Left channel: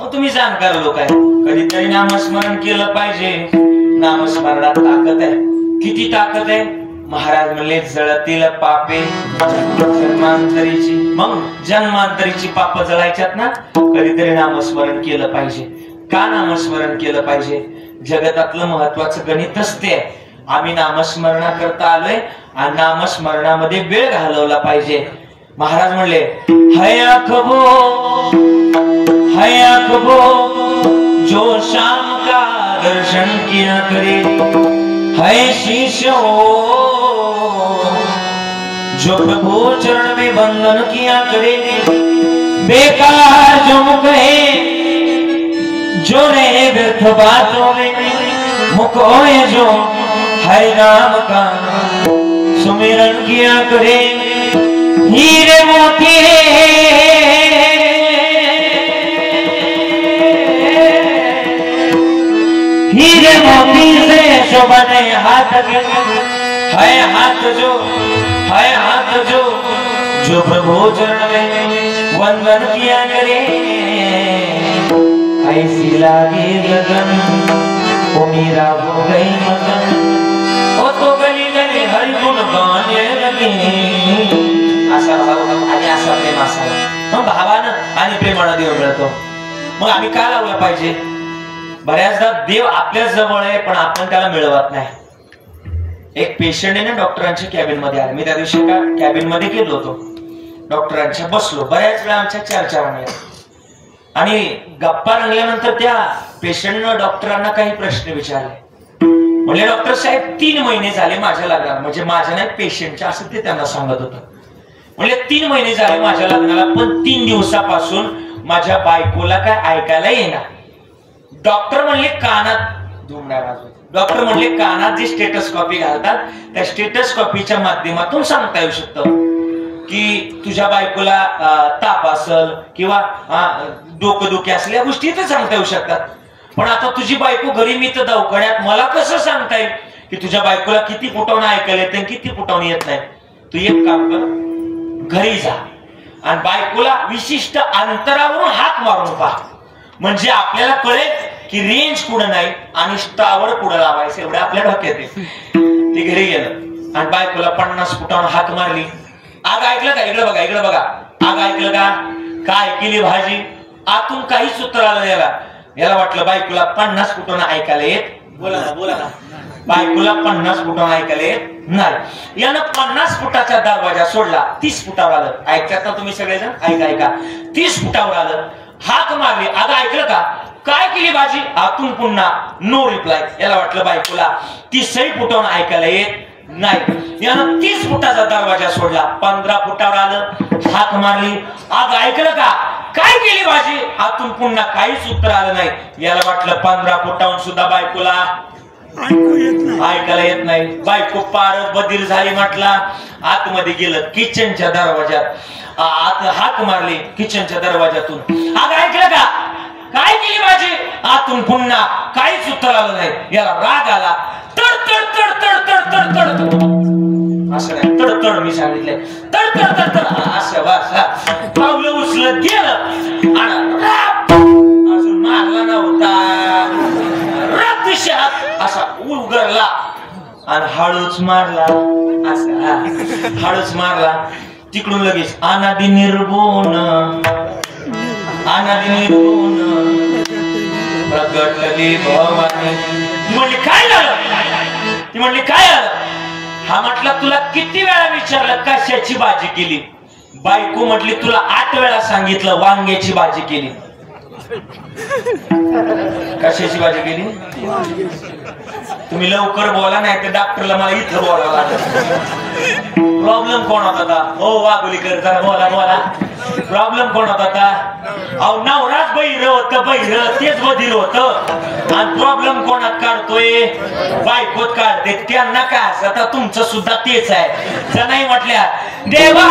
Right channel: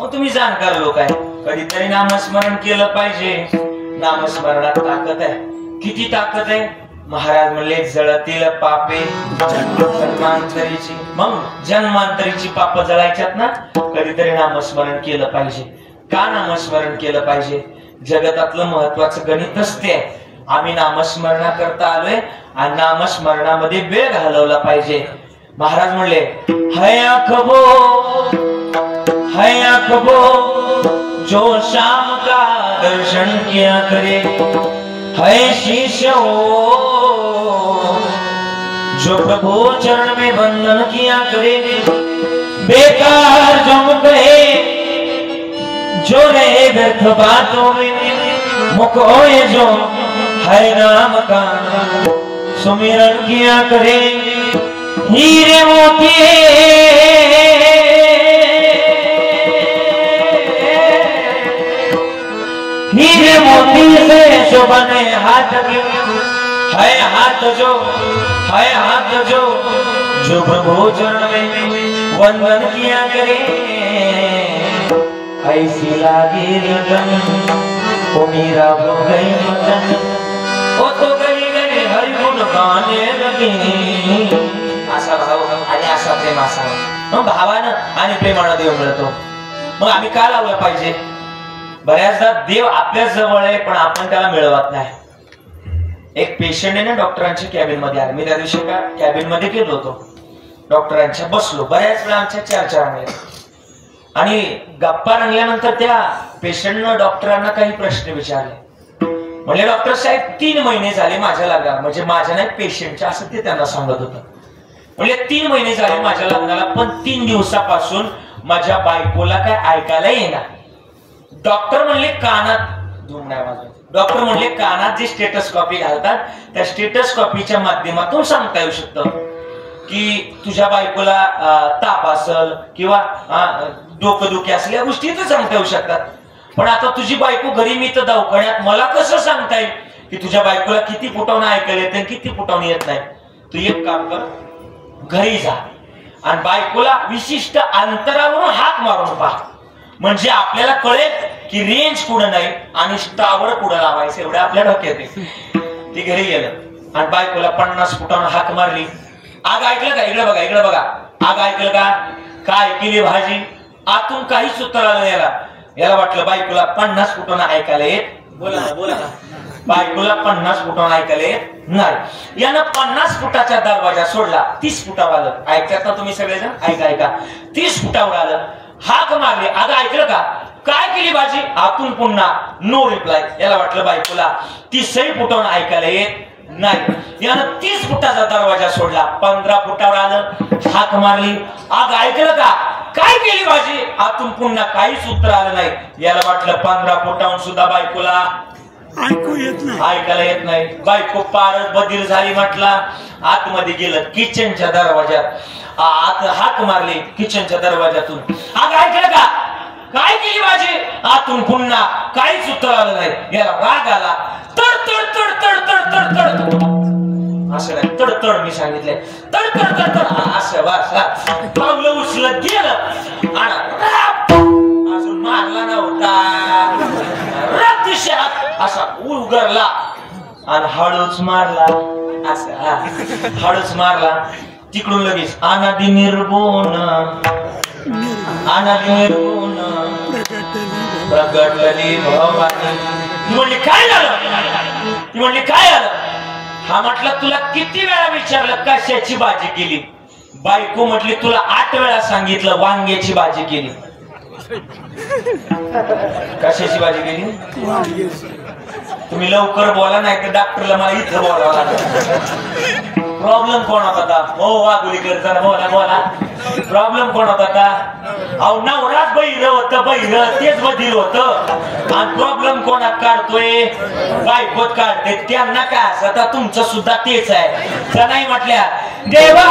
मग तुम्ही जाणकार लोक आहे, कधीतरी नामस्मरण केलं पाहिजे. नामस्मरणात ताकद आहे. किती ताकद आहे? महाराज म्हणले जळतील पापे जन्मांतरीची. मग जन्मांतरीची पाप जळायच्यात ना, कधीतरी नामस्मरण केलं पाहिजे. का नामस्मरण केलं पाहिजे? जगतातलं महत्वाचं गणितच ते आहे. आम्ही नामस्मरणा करता आलोय आणि नामस्मरणामध्ये वेळ घालवला पाहिजे. महाराज म्हणले हया कबो जो शाम का दर्शन किया करे, है शिष्य जो प्रभु चरण में बंधन किया करे, बेकार जो मुख है जो रहे व्यर्थ बातों में, मुख होए जो हरि नाम का सुमिरन किया करे, हीरे मोती हीरे मोती से शोभने हाथ है हाथ जो प्रभु चरण में वंदन किया करे, ऐसी लागी लगन वो मेरा हो गई मगन, वो तो गली गली हरि गुण गाने लगे. असा भाव आणि असा प्रेम असावा. मग भावानं आणि प्रेमानं देव मिळतो. मग आम्ही का लावला पाहिजे? बऱ्याचदा देव आपल्या जवळ आहे पण आपण त्याला मिळवत नाही. एक पेशंट आहे ना, डॉक्टरांच्या कॅबिन मध्ये आला. मी त्या दिवशी का कॅबिन मध्ये गेलो होतो, डॉक्टरांच्या बसलो. बऱ्याच वेळा आमच्या चर्चा रंगल्या आणि गप्पा रंगल्यानंतर त्या पेशंटनं डॉक्टरांना काही प्रश्न विचारले. म्हणजे डॉक्टर साहेब 3 महिने झाले माझ्या लग्नाला, म्हणजे माझ्या नाही पेशंटच्या, असं ते त्यांना सांगत होतं. म्हणजे 3 महिने झाले माझ्या लग्नाला, पण 3 दिवसापासून माझ्या बायकोला काय ऐकायला येणार. डॉक्टर म्हणले कानात धुमड्या वाजवत. डॉक्टर म्हणले कानात जी स्टेटस्कॉपी घालतात त्या स्टेटस्कॉपीच्या माध्यमातून सांगता येऊ शकतं की तुझ्या बायकोला ताप असेल किंवा डोकंदुखी असल्या गोष्टी तर सांगता येऊ शकतात. पण आता तुझी बायको घरी, मी तर दवाखान्यात, मला कसं सांगता येईल की तुझ्या बायकोला किती फुटावून ऐकायला येते किती फुटावून येत नाही? तू एक काम कर, घरी जा आणि बायकोला विशिष्ट अंतरावरून हाक मारून पहा, म्हणजे आपल्याला कळेल की रेंज कुठं नाही आणि टावर कुठं लावायचं एवढं आपल्या डोक्यात आहे. ते घरी गेलं आणि बायकोला 50 फुटावून हाक मारली. आग ऐकलं का? इकडे बघा, इकडे बघा. आग ऐकलं का? काय केली भाजी? आतून काहीच उत्तर आलं याला वाटलं बायकोला 50 फुटावून ऐकायला येत. बोला ना. बायकोला 50 फुटावून ऐकायला येत नाही. यानं 50 फुटाचा दरवाजा सोडला, 30 फुटावर आलं. ऐकतात ना तुम्ही सगळेजण? ऐका. 30 फुटावर आलं, हाक मारली. अगं ऐकलं का? काय केली भाजी? आतून पुन्हा नो रिप्लाय. याला वाटलं बायकोला 30 फुटावून ऐकायला येत नाही. यानं 30 फुटाचा दरवाजा सोडला, 15 फुटावर आलं, हाक मारली. अगं ऐकलं का? काय केली भाजी? आतून पुन्हा काहीच उत्तर आलं नाही. याला वाटलं 15 फुटावून सुद्धा बायकोला ऐकायला येत नाही. बायको पारच बधीर झाली. म्हटला आतमध्ये गेलं, किचनच्या दरवाजात आत हाक मारली, किचनच्या दरवाजातून. अगं ऐकलं का? काय केली भाजी? आतून पुन्हा काहीच उत्तर आलं नाही. याला राग आला. तड तड तड तड तड तड तड असं नाही, तडतड मी सांगितलंय. तड तड तड तड असं वासा पावलं उचलत गेलं आणि अजून मारला नव्हता. रक्तशात असा उलगरला आणि हळूच मारला. असं हळूच मारला. तिकडून लगेच अनादि निर्गुण प्रगटलेली भवानी. ती म्हणली काय झालं? ती म्हणली काय झालं? हा म्हटलं तुला किती वेळा विचारलं कशाची भाजी केली? बायको म्हटली तुला 8 वेळा सांगितलं वांग्याची भाजी केली. कशाची भाजी केली? तुम्ही लवकर बोला, नाही तर डॉक्टरला मला इथं बोलावं लागेल. प्रॉब्लेम कोण होता? हो वाघोलीकर, जरा बोला. प्रॉब्लेम कोण होता? अहो नवराच बहिर होत, तेच बधीर होत. आणि प्रॉब्लेम कोणात काढतोय? बायकोत काढते. त्यांना काय असं तुमचं सुद्धा तेच आहे. तर नाही म्हटल्या देवा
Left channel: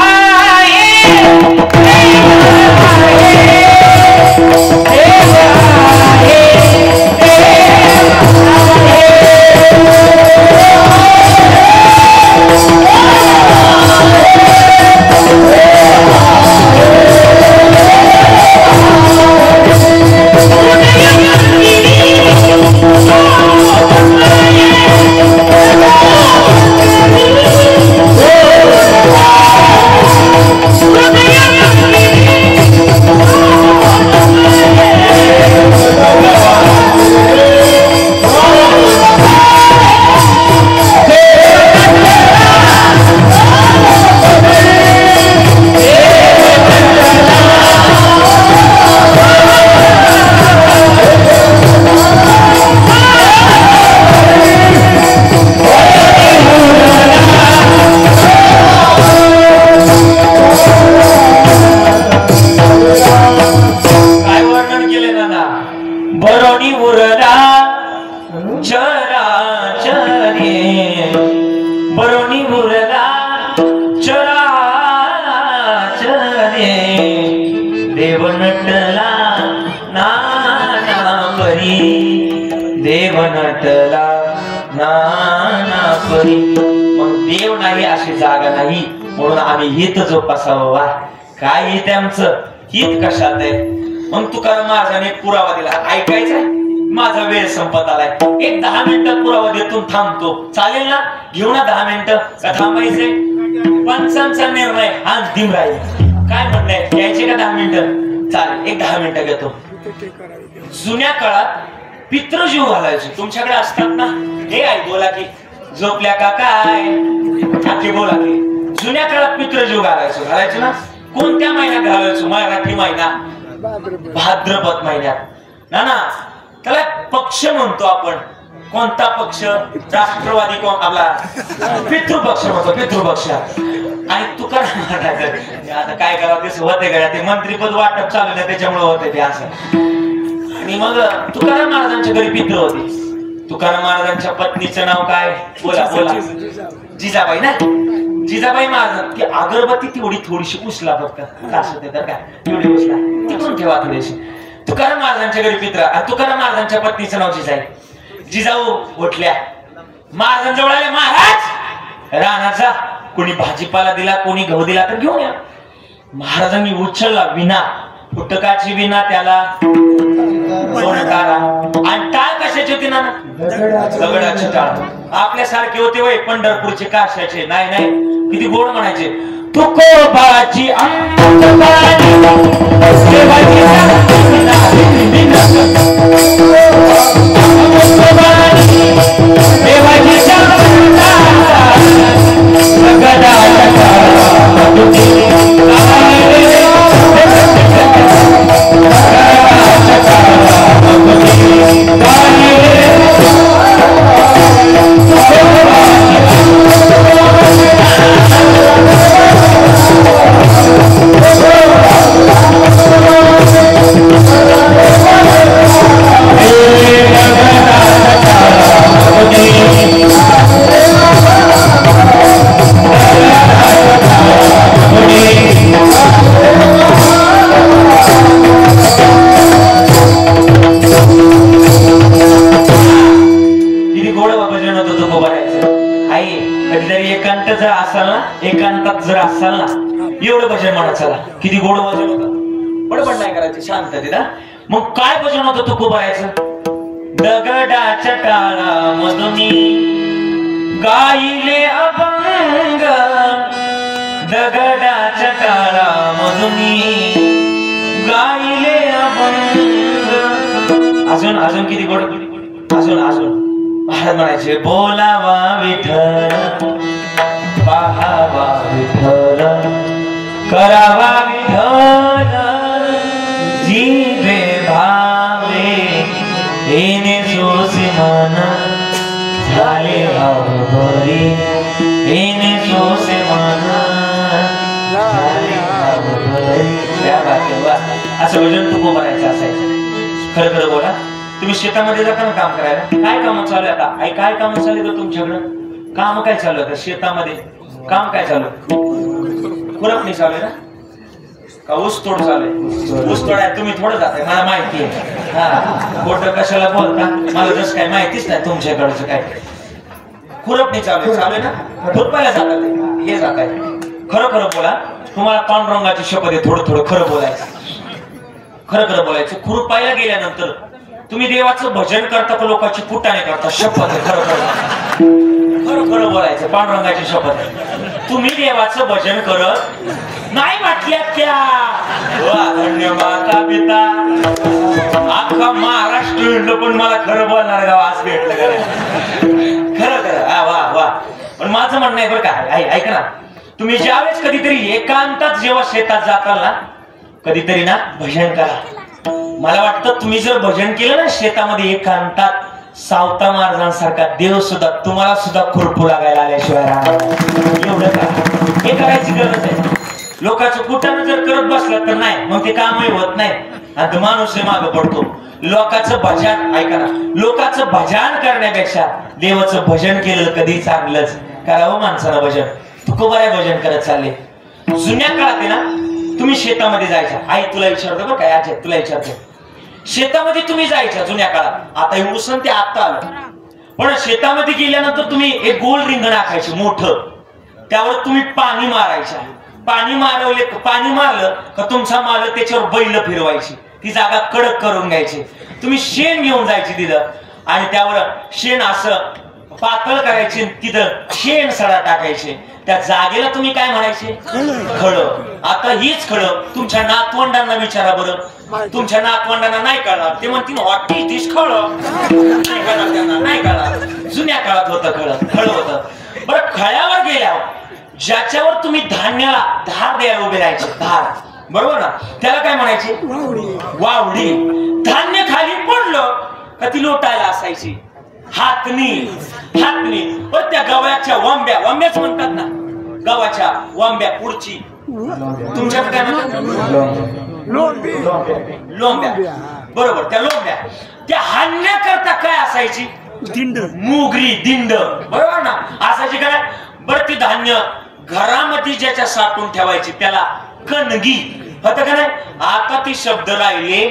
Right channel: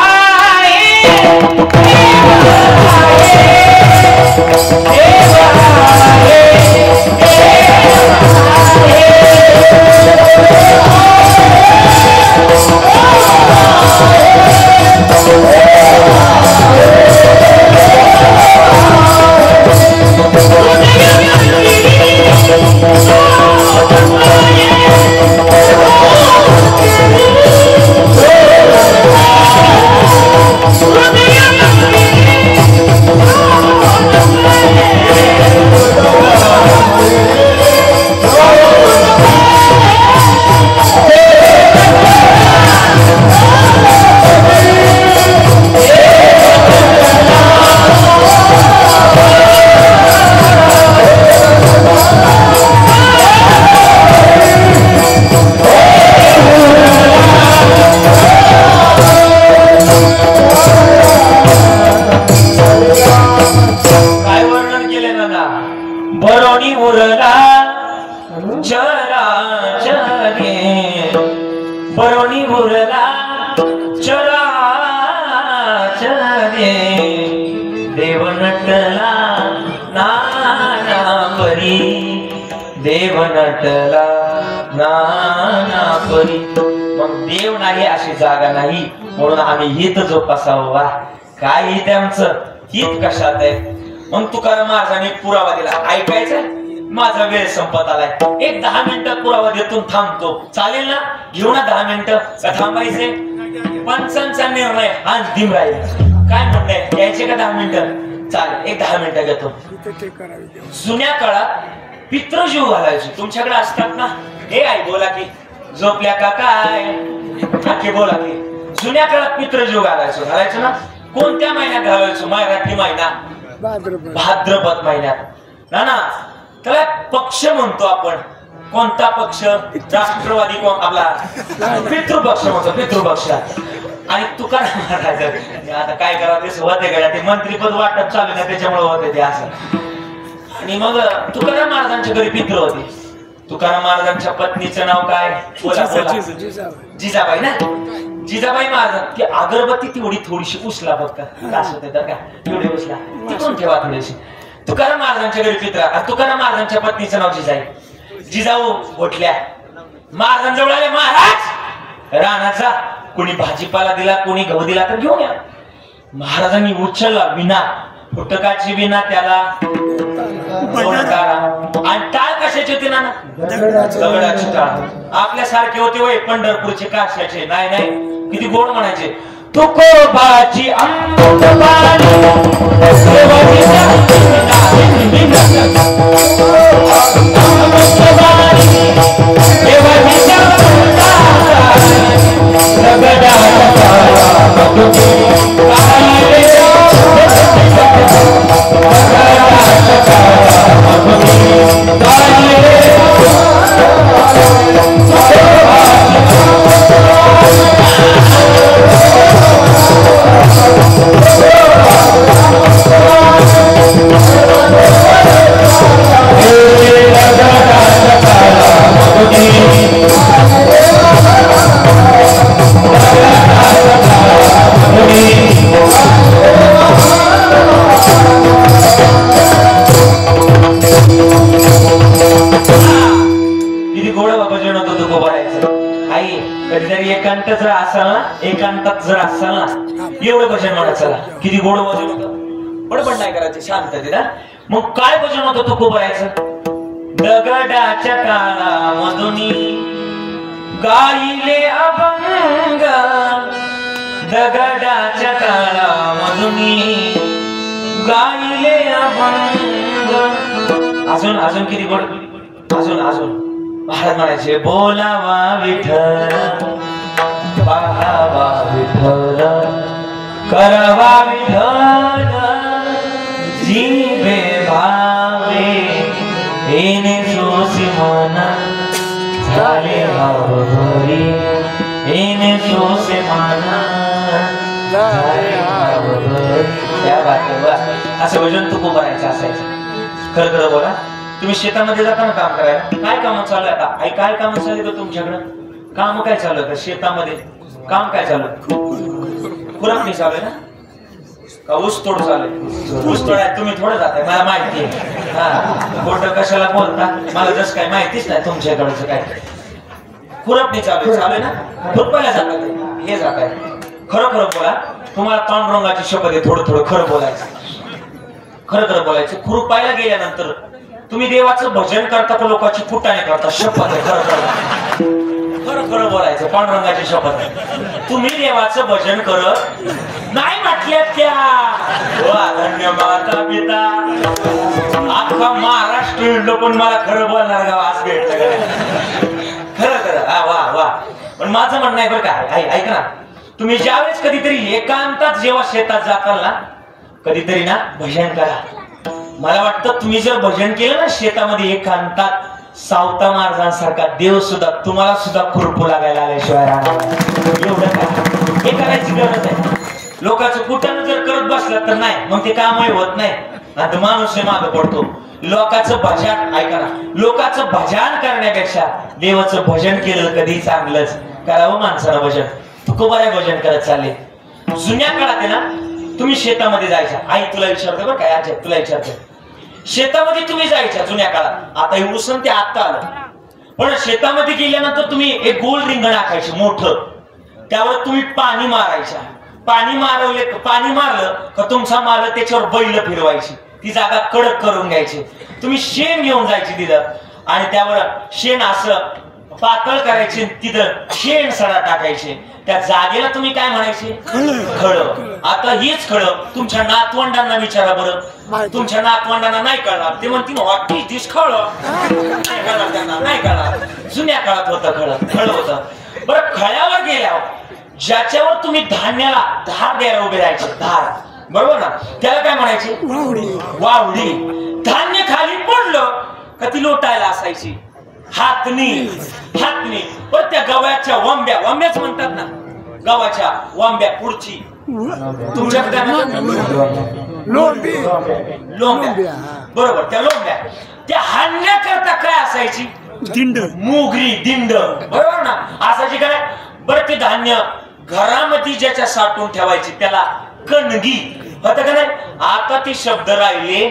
बरोणी उरला चराचरे बरोणी उरला चराचरे देव नटला नाना परी देव नटला नाना परी मग देव नाही अशी जागा नाही म्हणून आम्ही हित जोपासावं काय हित आमचं हित कशात आहे मग तुकाराम महाराजांनी पुरावा दिला ऐकायचा माझा वेळ संपत आलाय एक 10 मिनिटात पुरावा देतो थांबतो चालेल ना घेऊ ना 10 मिनिटं का थांबायचे पंचांचा निर्णय अंतिम राहील काय म्हणणं यायचे का 10 मिनिटं चालेल एक 10 मिनिटं घेतो जुन्या काळात पितृजीव घालायचे तुमच्याकडे असतात ना हे आई बोला की झोपल्या का काय आजी बोला की जुन्या काळात पितृजीव घालायचो ना कोणत्या महिन्यात घालायचो मराठी महिना भाद्रपद महिन्यात ना त्याला पक्ष म्हणतो आपण कोणता पक्ष राष्ट्रवादी कोण आपला पितृपक्ष म्हणतो पितृपक्ष आणि तुकाराम महाराज आता काय करावं ते होते का ते मंत्रीपद वाटप चालू ना त्याच्यामुळे होते ते असं आणि मग तुकाराम महाराजांच्या घरी पितृ होते तुकाराम महाराजांच्या पत्नीचं नाव काय बोला बोला जिजाबाई ना जिजाबाई महाराज ती अगरबत्ती तेवढी थोडीशी उचला फक्त तास होते तर काय एवढी उचला तिकडून ठेवा थोडीशी तुकाराम महाराजांच्या घरी पित्रा तुकाराम महाराजांच्या पत्नीचं नाव जिजाई जिजाऊ उठल्या महाराजांजवळ आले महाराज रानाचा कोणी भाजीपाला दिला कोणी गहू दिला तर घेऊन या महाराजांनी उचलला विना फुटकाची विना त्याला आणि टाळ कशाची होती ना दगडाची टाळ आपल्यासारखे होते वय पंढरपूरचे काशाचे नाही नाही किती गोड म्हणायचे तुकोबाची एकांतात जर असाल ना एवढं भजन म्हणत चला किती गोड भजन होतं बडबड नाही करायची शांततेत मग काय भजन होतं तो करायचं दगडाच्या काळामधून गाईले अभंग दगडाच्या काळामधून गाईले अभंग अजून अजून किती गोड अजून अजून महाराज म्हणायचे बोलावा विठ्ठल पाहावा विठ्ठल करावा विठ्ठल जीवे भावे येणे सोसी मन झाले भावभरी येणे सोसे मन झाले भावभरी त्या बाजूला असं भजन तू करायचं असायचं खरं खरं बोला तुम्ही शेतामध्ये जाता ना काम करायला काय काम चालू आहे आता आई काय काम चालू आहे तुमच्याकडं काम काय चालू आहे शेतामध्ये काम काय चालू खुरपणी चालू आहे ना का ऊस तोड चालू आहे ऊस तोड आहे तुम्ही थोडं जाताय मला माहिती आहे हा खोटं कशाला बोलता मला जसं काय माहितीच नाही तुमच्याकडचं काय खुरपणी चालू आहे ना खुरपायला जातात हे जात आहे खरं खरं बोला तुम्हाला पांडुरंगाची शपथ आहे थोडं थोडं खरं बोलायचं खरं खरं बोलायचं खुरपायला गेल्यानंतर तुम्ही देवाचं भजन करता का लोकांची कुटाने करता शपथ आहे खरं खरं खरं खरं बोलायचं पांडुरंगाची शपथ आहे तुम्ही देवाचं भजन करत नाही म्हटल्या त्या धन्य माता पिता अख्खा महाराष्ट्र विंडो पण मला खरं बोलणार गाव आज भेटलं खरं खरं हा वा वा पण माझं म्हणणं आहे बरं काय ऐक ना तुम्ही ज्यावेळेस कधीतरी एकांतात जेव्हा शेतात जाताल ना कधीतरी ना भजन करा मला वाटतं तुम्ही जर भजन केलं ना शेतामध्ये एकांतात सावता महाराजांसारखा देव सुद्धा तुम्हाला सुद्धा खुरपू लागायला आल्याशिवाय राहणार एवढं काय हे करायची गरज आहे लोकांचं कुठं जर करत बसलं तर नाही मग ते कामही होत नाही आणि तो माणूस मागे पडतो. लोकांचं भजन ऐका ना, लोकांचं भजन करण्यापेक्षा देवाचं भजन केलं कधी चांगलंच. करावं माणसानं भजन. तुकोबाराय भजन करत चालले. जुन्या काळात आहे ना, तुम्ही शेतामध्ये जायच्या. आई तुला विचारतो बरं काय, आज तुला विचारतो, शेतामध्ये तुम्ही जायच्या जुन्या काळात. आता हे उसण ते आता आलं, पण शेतामध्ये गेल्यानंतर तुम्ही एक गोल रिंगण आखायचे मोठं, त्यावर तुम्ही पाणी मारायच्या. पाणी मारलं का तुमचा मालक त्याच्यावर बैल फिरवायची, ती जागा कडक करून घ्यायची. तुम्ही शेण घेऊन जायची तिथं आणि त्यावर शेण असं पातळ करायचे, तिथं शेण सडा टाकायचे. त्या जागेला तुम्ही काय म्हणायचे, खळ. आता हीच खळ तुमच्या नातवंडांना विचारा बरं, तुमच्या नातवंडांना नाही कळणार. ते म्हणतील व्हॉट इज दिस खळ, नाही कळणार त्यांना, नाही कळणार. जुन्या काळात होतं खळ होतं. बरं खळ्यावर गेल्यावर ज्याच्यावर तुम्ही धान्याला धार द्यायला उभे राहायचे, धार, बरोबर ना, त्याला काय म्हणायचे, वावडी. धान्य खाली पडलं का ती लोटायला असायची, हातनी. पण त्या गव्याच्या वंब्याच म्हणतात ना, गव्हाच्या वंब्या पुढची, तुमच्याकडे काय म्हणतात, लोंब्या. बरोबर, त्या लोंब्या त्या हाणण्याकरता काय असायची, दिंड, मोगरी, दिंड, बरोबर ना, असायची काय. बरं ते धान्य घरामध्ये ज्याच्या साठवून ठेवायची त्याला कणगी होतं का नाही. आता ते शब्द राहिले,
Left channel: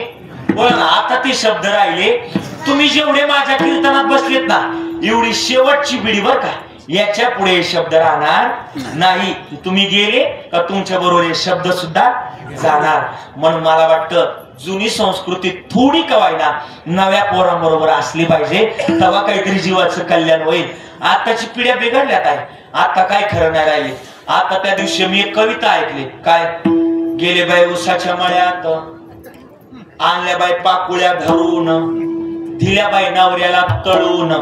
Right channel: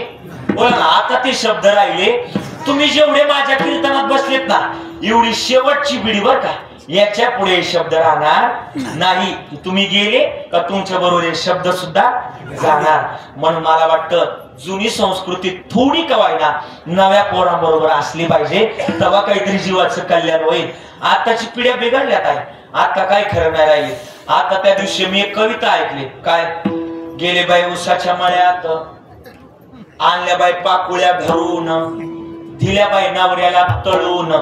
बोला ना, आता ते शब्द राहिले. तुम्ही जेवढे माझ्या कीर्तनात बसलेत ना, एवढी शेवटची पिढी बर का, याच्या पुढे शब्द राहणार नाही. तुम्ही गेले का तुमच्या बरोबर हे शब्द सुद्धा जाणार. म्हणून मला वाटतं जुनी संस्कृती थोडी कवायना नव्या पोरांबरोबर असली पाहिजे, तेव्हा काहीतरी जीवाचं कल्याण होईल. आताची पिढ्या बिघडल्यात आहे, आता काय खरं नाही राहिले. आता त्या दिवशी मी एक कविता ऐकली, काय, गेले बाई उसाच्या मळ्यात, आणल्या बाई पाकुळ्या धरून, दिल्या बाई नवऱ्याला तळून,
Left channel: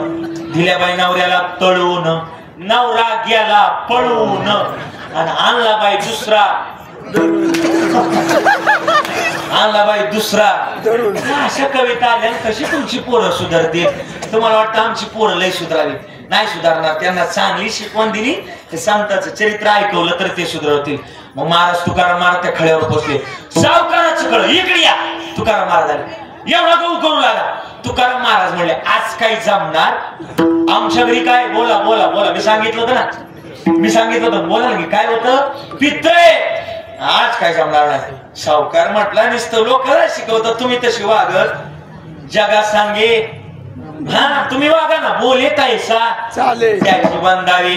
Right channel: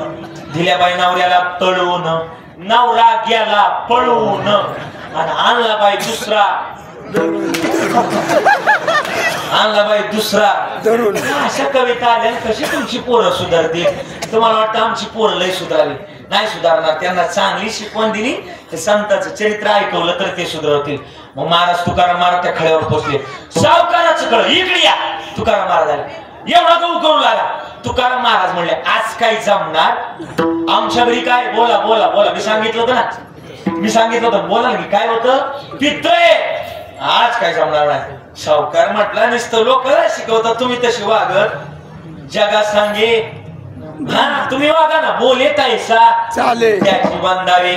नवरा गेला पळून, आणि आणला बाई दुसरा. अशा कविता आल्या, कशी तुमची पोरं सुधारतील. तुम्हाला वाटतं आमची पोरं लय सुधारली, नाही सुधारणार. त्यांना चांगली शिकवण दिली, ते संतांचं चरित्र ऐकवलं तर ते सुधारतील. मग महाराज तुकाराम महाराज त्या खळ्यावर पोहोचले. सावकाराचं कळ, इकडे या. तुकाराम महाराज आले, एवढा गहू करून आला. तुकाराम महाराज म्हणले, आज काही जमणार आमच्या घरी काय, बोला बोला बोला. मी सांगितलं होतं बोला की काय होतं, पित्रे, आज काय जमणार नाही. सावकार म्हटला, नुसतं लोकांना शिकवता तुम्ही तशी वागत, जगात सांगे हा तुम्ही वागा ना, बोले तायसा त्याची बंदावे,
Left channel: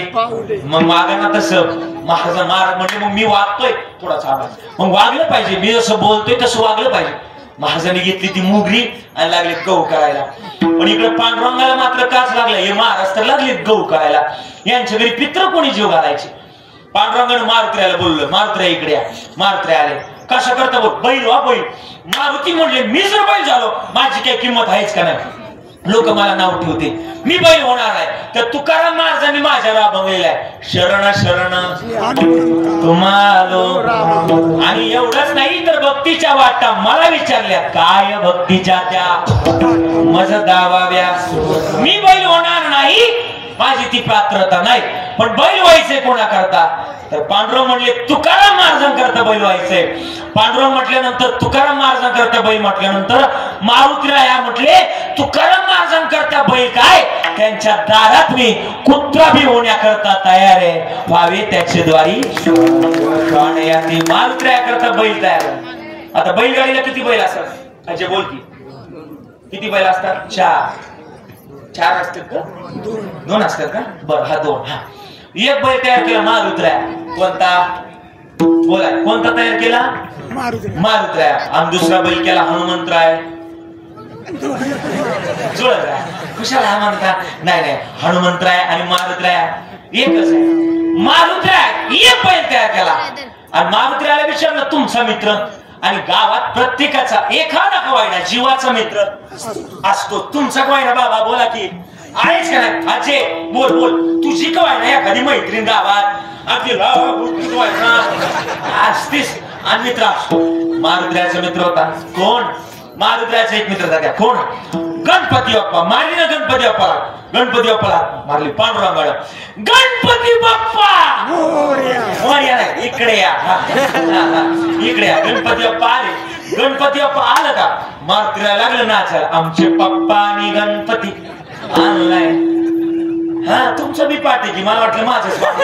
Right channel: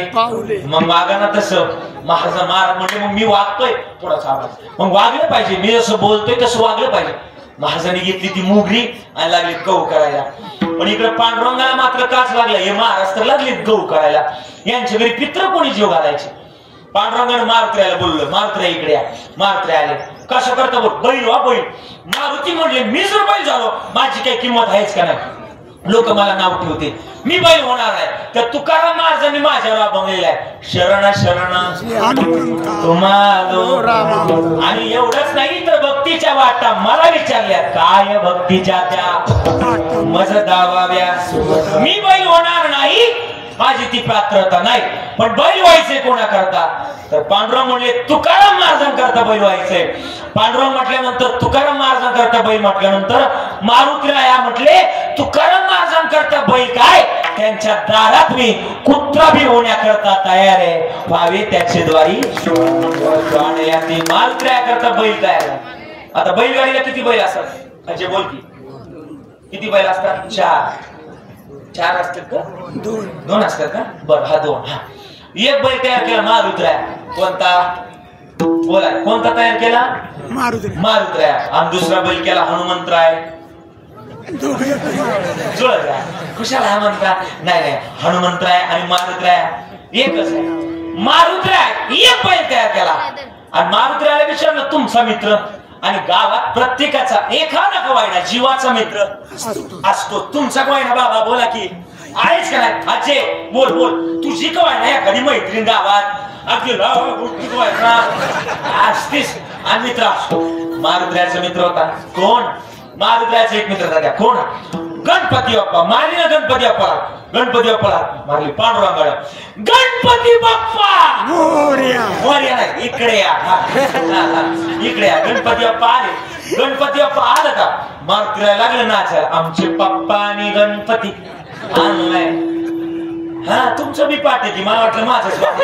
मग वागा ना तसं. महाराज म्हणजे मग मी वागतोय थोडासा आवाज, मग वागलं पाहिजे, मी जसं बोलतोय तसं वागलं पाहिजे. महाराजांनी घेतली ती मुगरी आणि लागले गहू करायला. पण इकडे पांडुरंगाला मात्र काच लागला, हे महाराज तर लागले गहू करायला. यांच्या घरी पित्र कोणी जीव घालायचे. पांडुरंगाने मारुतीला बोललं, मारुती इकडे या. मारुती आले, कशा करता बोल, बैल वा बैल. मारुती म्हणले, मी जर बैल झालो माझी काही किंमत आहेच का नाही, लोक मला नाव ठेवते, मी बैल होणार आहे. तर तुकाराम महाराजांनी माझ्यावर अभंगलेला आहे, शरण शरण तुम्हालो. आणि एवढंच नाही तर भक्तीच्या वाटा मला विचारल्या, काय भक्तीच्या त्या मज दावाव्या. मी बैल होणार नाही, माझी ती पात्रता नाही, पण बैल व्हायचे कोणा करता, तर पांडुरंग म्हणले तुकाराम महाराजांकरता बैल व्हायचे. पांडुरंग म्हटल्यानंतर तुकाराम महाराजांकरता बैल म्हटल्यानंतर मारुतीराया म्हटले तुकाराम महाराजांकरता बैल काय, त्यांच्या दारात मी कुत्रा बी होण्याकरता तयार आहे, व्हावे त्याचे द्वारी. मारुतीराया करता बैल तयार आहे. आता बैलगाडीला किती बैल असतात, म्हणजे बोल की किती बैल असतात, चार असतात का, दोन असतात का, बरं हा दोन. हा एक बैल तयार केला मारुतीराया, कोणता बोला, कोणता तयार केला, मारुतीराया. आणि दुसरा बैल केला हनुमंतराय. जुळत कुशाला हा म्हणता, नाही हनुमंतराय आणि मारुतीराया एकच आहे. मारुतीराय एक बैल तयार केला आणि मारुतीरायाला विचारलं तुमचा मित्र, आणि गावात प्रत्येकाचा एखादा कवायना जीवाचा मित्र असतो. तुमचा कवायना बाबा बोला की आहेच का नाही, अजय बोल बोल, तुझी कवायना एखादी मैत्रीण गावात अगदी असतीस आणि मित्र असतो. मारुतीरायाचा मित्र होता कोण, मारुतीरायाचा एक मित्र होता, कोण, गणपती बाप्पा. मारली ना गणपती बाप्पाला, गणपती बाप्पाला मारली पांडुरंगाला, गणपती बाप्पा मोरया नाही, इकडे या, इकडे या. गणपती बाप्पा आले, गणपती बाप्पा आलं का मार फिरायला लागलं नाचायला. आमचे पप्पा आणि गणपती आणलाय. हा तुमचं बी पाठी की मला वाटलं माझंच पाठी.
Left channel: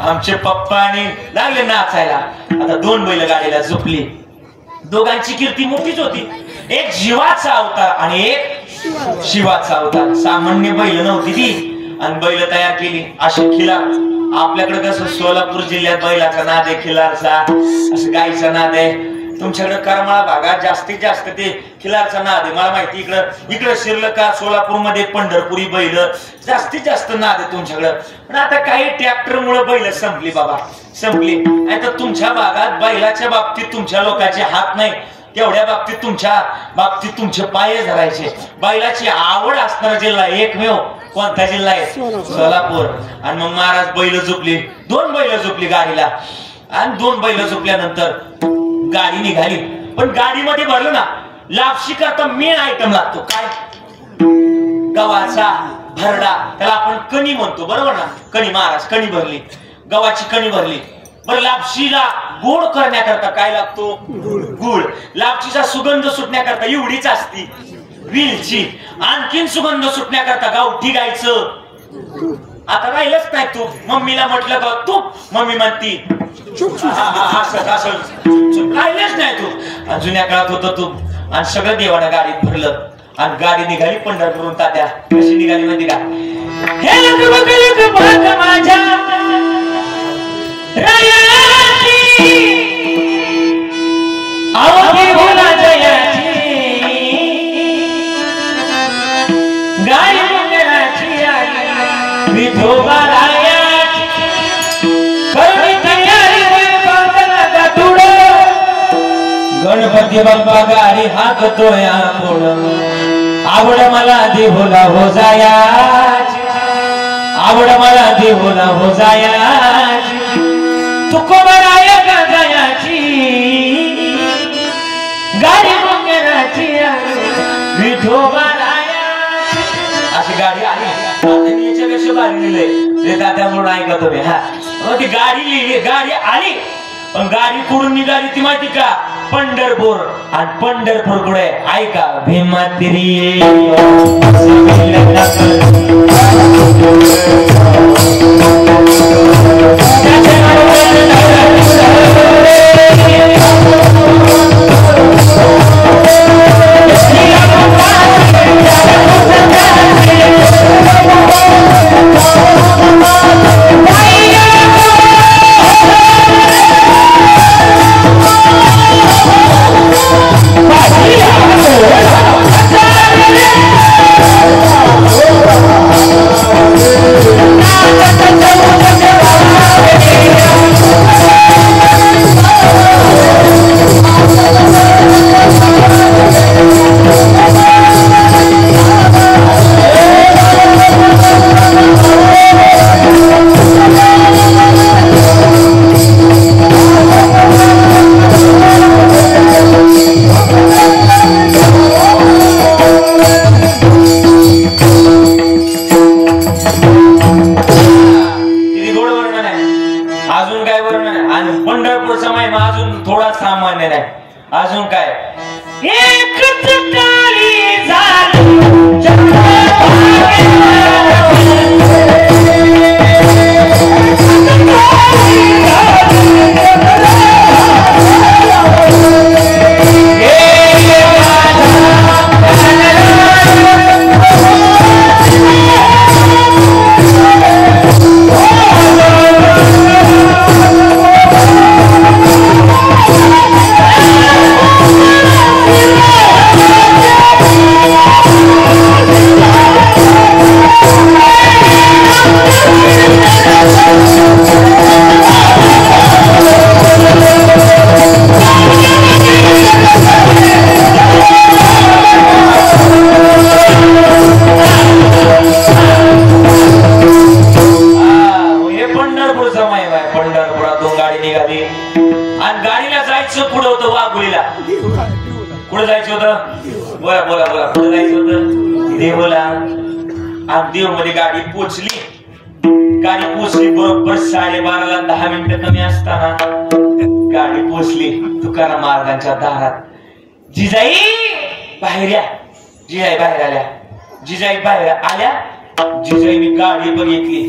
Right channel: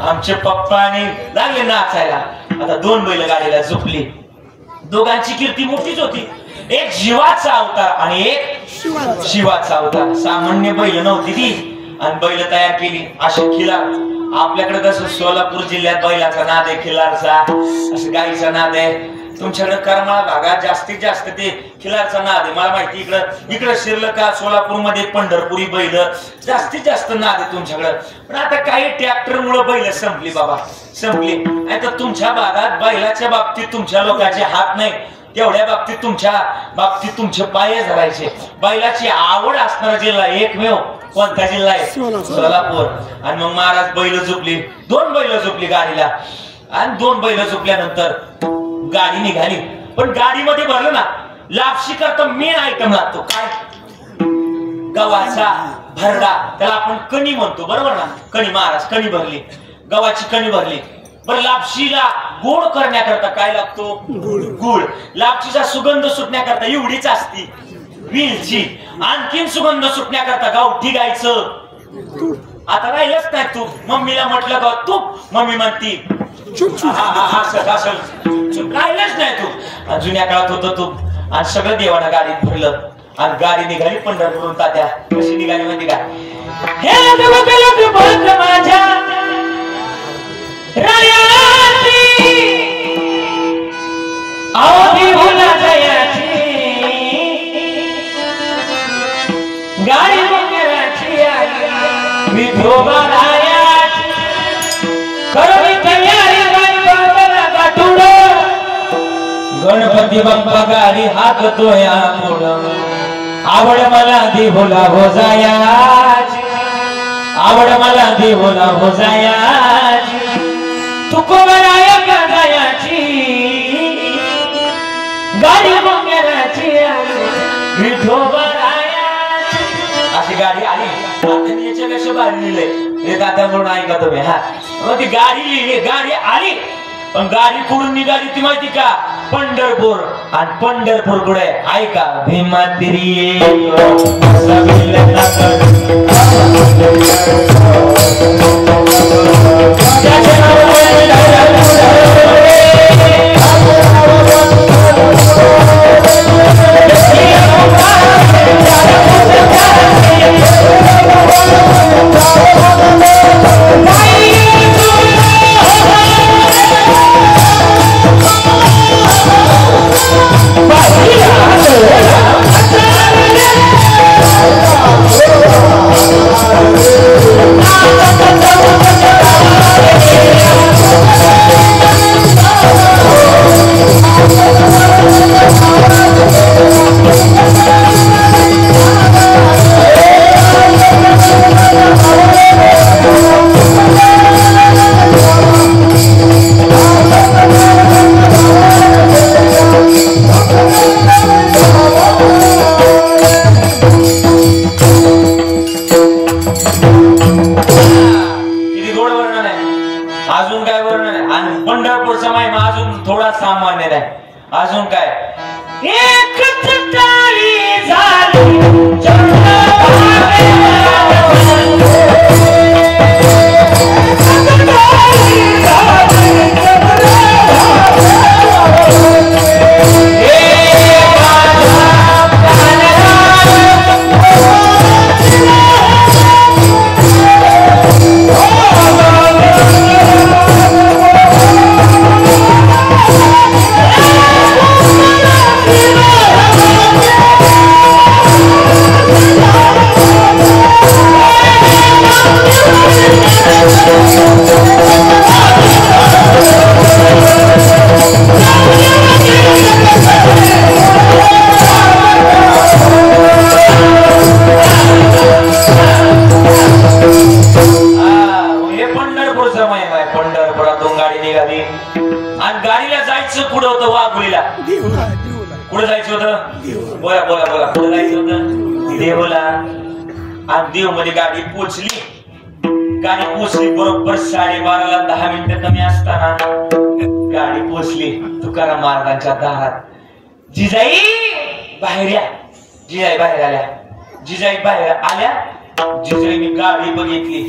आमचे पप्पा आणि लागले नाचायला. आता दोन बैल गाडीला झोपली. दोघांची कीर्ती मोठीच होती. एक जीवाचा अवतार आणि एक शिवाचा अवतार. सामान्य बैल नव्हती ती आणि बैल तयार केली अशी खिलार. आपल्याकडे कसं सोलापूर जिल्ह्यात बैलाचा नाद आहे, खिलारचा असं गाईचा नाद आहे. तुमच्याकडे करमाळा भागात जास्तीत जास्त ते खिलारचा नाद आहे. मला माहिती इकडं शिरलं का सोलापूरमध्ये पंढरपुरी बैल जास्तीत जास्त नाद आहे तुमच्याकडं. पण आता काही ट्रॅक्टर मुळे बैल संपली बाबा, संपली. नाही तर तुमच्या भागात बैलाच्या बाबतीत तुमच्या लोकांचे हात नाही, तेवढ्या बाबतीत तुमच्या बाबतीत तुमचे पाय धरायचे. बैलाची आवड असणारा जिल्हा एकमेव कोणता जिल्हा आहे? सोलापूर. आणि मग महाराज बैल झोपली. दोन बैल झोपली गाडीला. आणि दोन बैल झोपल्यानंतर गाडी निघाली. पण गाडीमध्ये भरलं ना लापशी करता मेन आयटम लागतो काय? गव्हाचा भरडा. त्याला आपण कणी म्हणतो बरोबर ना? कणी. महाराज कणी भरली, गव्हाची कणी भरली. बरं लापशीला गोड करण्याकरता काय लागतो? गुळ. लापशीचा सुगंध सुटण्याकरता एवढीच असती वेलची. आणखीन सुगंध सुटण्याकरता गावठी गायचं. आता राहिलंच नाही तूप. मम्मीला म्हटलं का तूप, मम्मी म्हणती राहिलंच नाही तूप. जुन्या काळात होतं तूप. आणि सगळं देवानं गाडीत भरलं आणि गाडी निघाली पंढरपूरहून. तात्या कशी निघाली माहिती का? माझ्या गाडी मंगलाची आई विठोबा रायाची करुणी तयारी गणपती बाप्पा गाडी हाकतोय पुढं. आवड मला देहुला हो जायाची, आवड मला देहुला हो जायाची. तुकोबराया गायाची गाडी मंगलाची आई विठोबा रायाची. अशी गाडी आली. याच्यापेक्षा भारी लिहिले ते दादा म्हणून ऐका तुम्ही. हा मग ती गाडी लिहिली, गाडी आली. पण गाडी कुठून निघाली ती माहिती का? पंढरपूर. आणि पंढरपूर कुठे ऐका? भीमातिरी अजून काय? पंढरपुरातून गाडी निघाली आणि गाडीला जायचं पुढे होतं वाघुळीला. पुढे जायचं होतं. बोला बोला बोला. पुढे जायचं होतं देवला. आणि देव मध्ये गाडी पोचली. गाडी पोचली बरोबर 12:30 10 मिनिटं कमी असताना गाडी पोचली तुकाराम महाराजांच्या दारात. जिजाई बाहेर या. जिजाई बाहेर आल्या. जिजाई बाहेर आल्या. जिजाईने गाडी बघितली,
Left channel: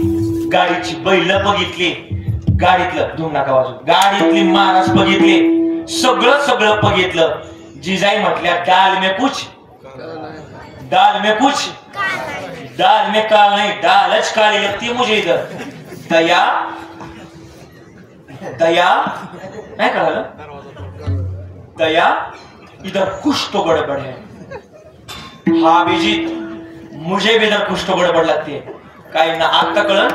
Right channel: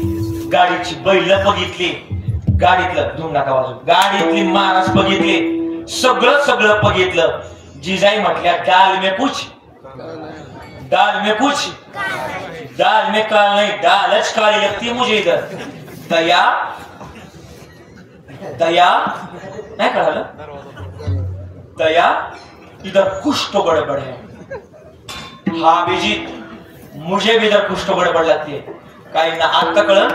गाडीची बैल बघितली, गाडीतलं धूम नका वाजू, गाडीतली महाराज बघितले, सगळं सगळं बघितलं. जिजाई म्हटल्या दाल में कुछ, दाल में कुछ, दाल में काल नहीं, दालच काली लगती मुझे इधर. दया दया नहीं कळालं. दया इधर कुछ तो गड़बड़ है. हा अभिजीत, मुझे भी इधर कुछ तो गड़बड़ लगती है. काही ना आता कळलं,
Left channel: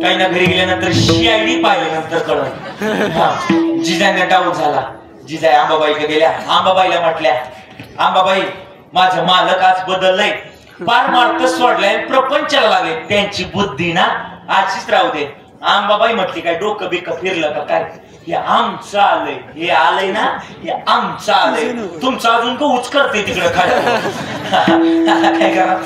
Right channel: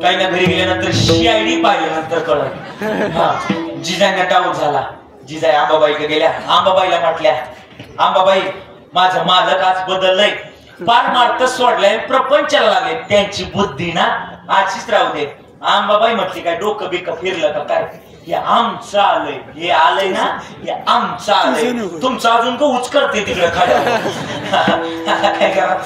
काही ना घरी गेल्यानंतर CID पाहिल्यानंतर कळलं. जिजाईंना डाऊट झाला. जिजाई आंबाबाईकडे गेल्या. आंबाबाईला म्हटल्या, आंबाबाई माझं मालक आज बदललंय, पार मार्क सोडलाय, प्रपंचाला लागले, त्यांची बुद्धी ना आजचीच राहू दे. आंबाबाई म्हटली काय डोकं बिकं फिरलं का काय, हे आमचं आलंय, हे आलंय ना, हे आमचं आलंय, तुमचं अजून का उच करते तिकडं खाली. काय करा,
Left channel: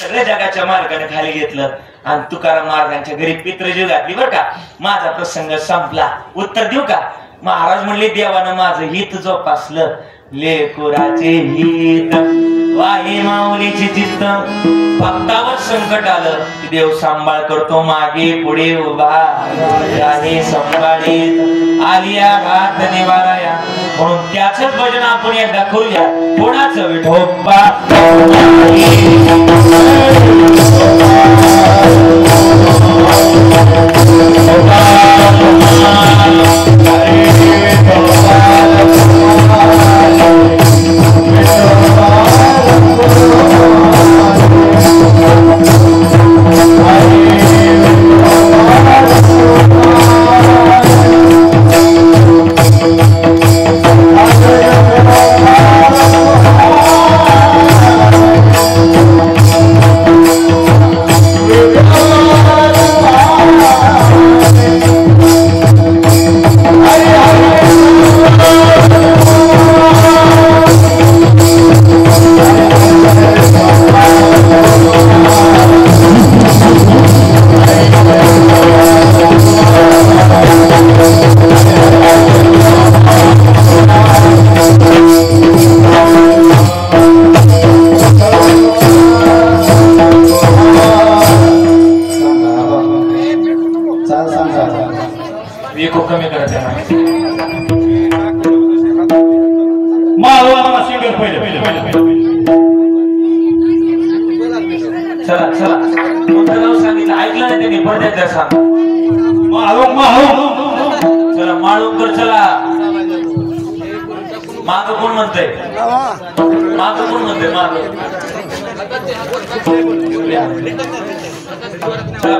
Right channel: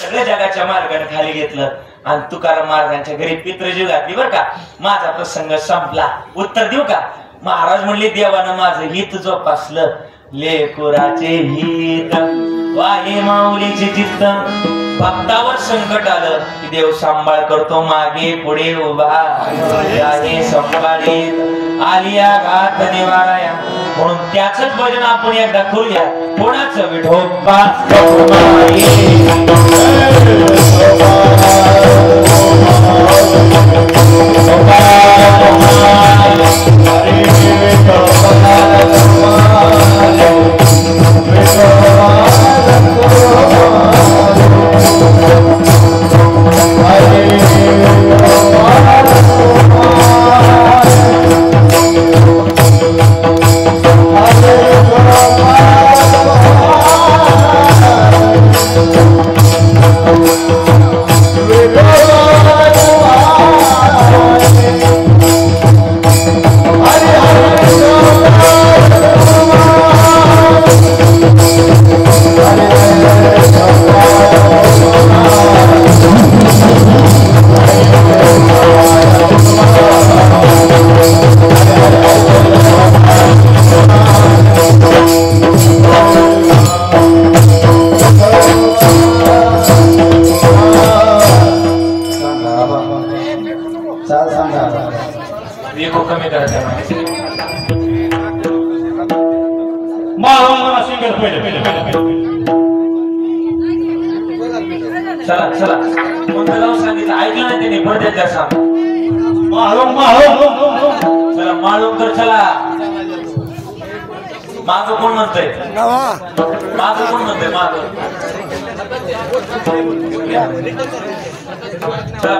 सगळ्या जगाच्या मार्गाने खाली घेतलं आणि तुकाराम महाराजांच्या घरी पितृजीव घातली. बर का, माझा प्रसंग संपला. उत्तर देऊ का? महाराज म्हणले देवानं माझं हित जोपासलं, लेकुराचे हित वाहे माऊलीचे चित्त. भक्तावर संकट आलं की देव सांभाळ करतो, मागे पुढे उभा आहे संभाळीत, आलिया घात निवाराया. म्हणून त्याच भजन आपण एकदा करूया. कोणाचं विठोबा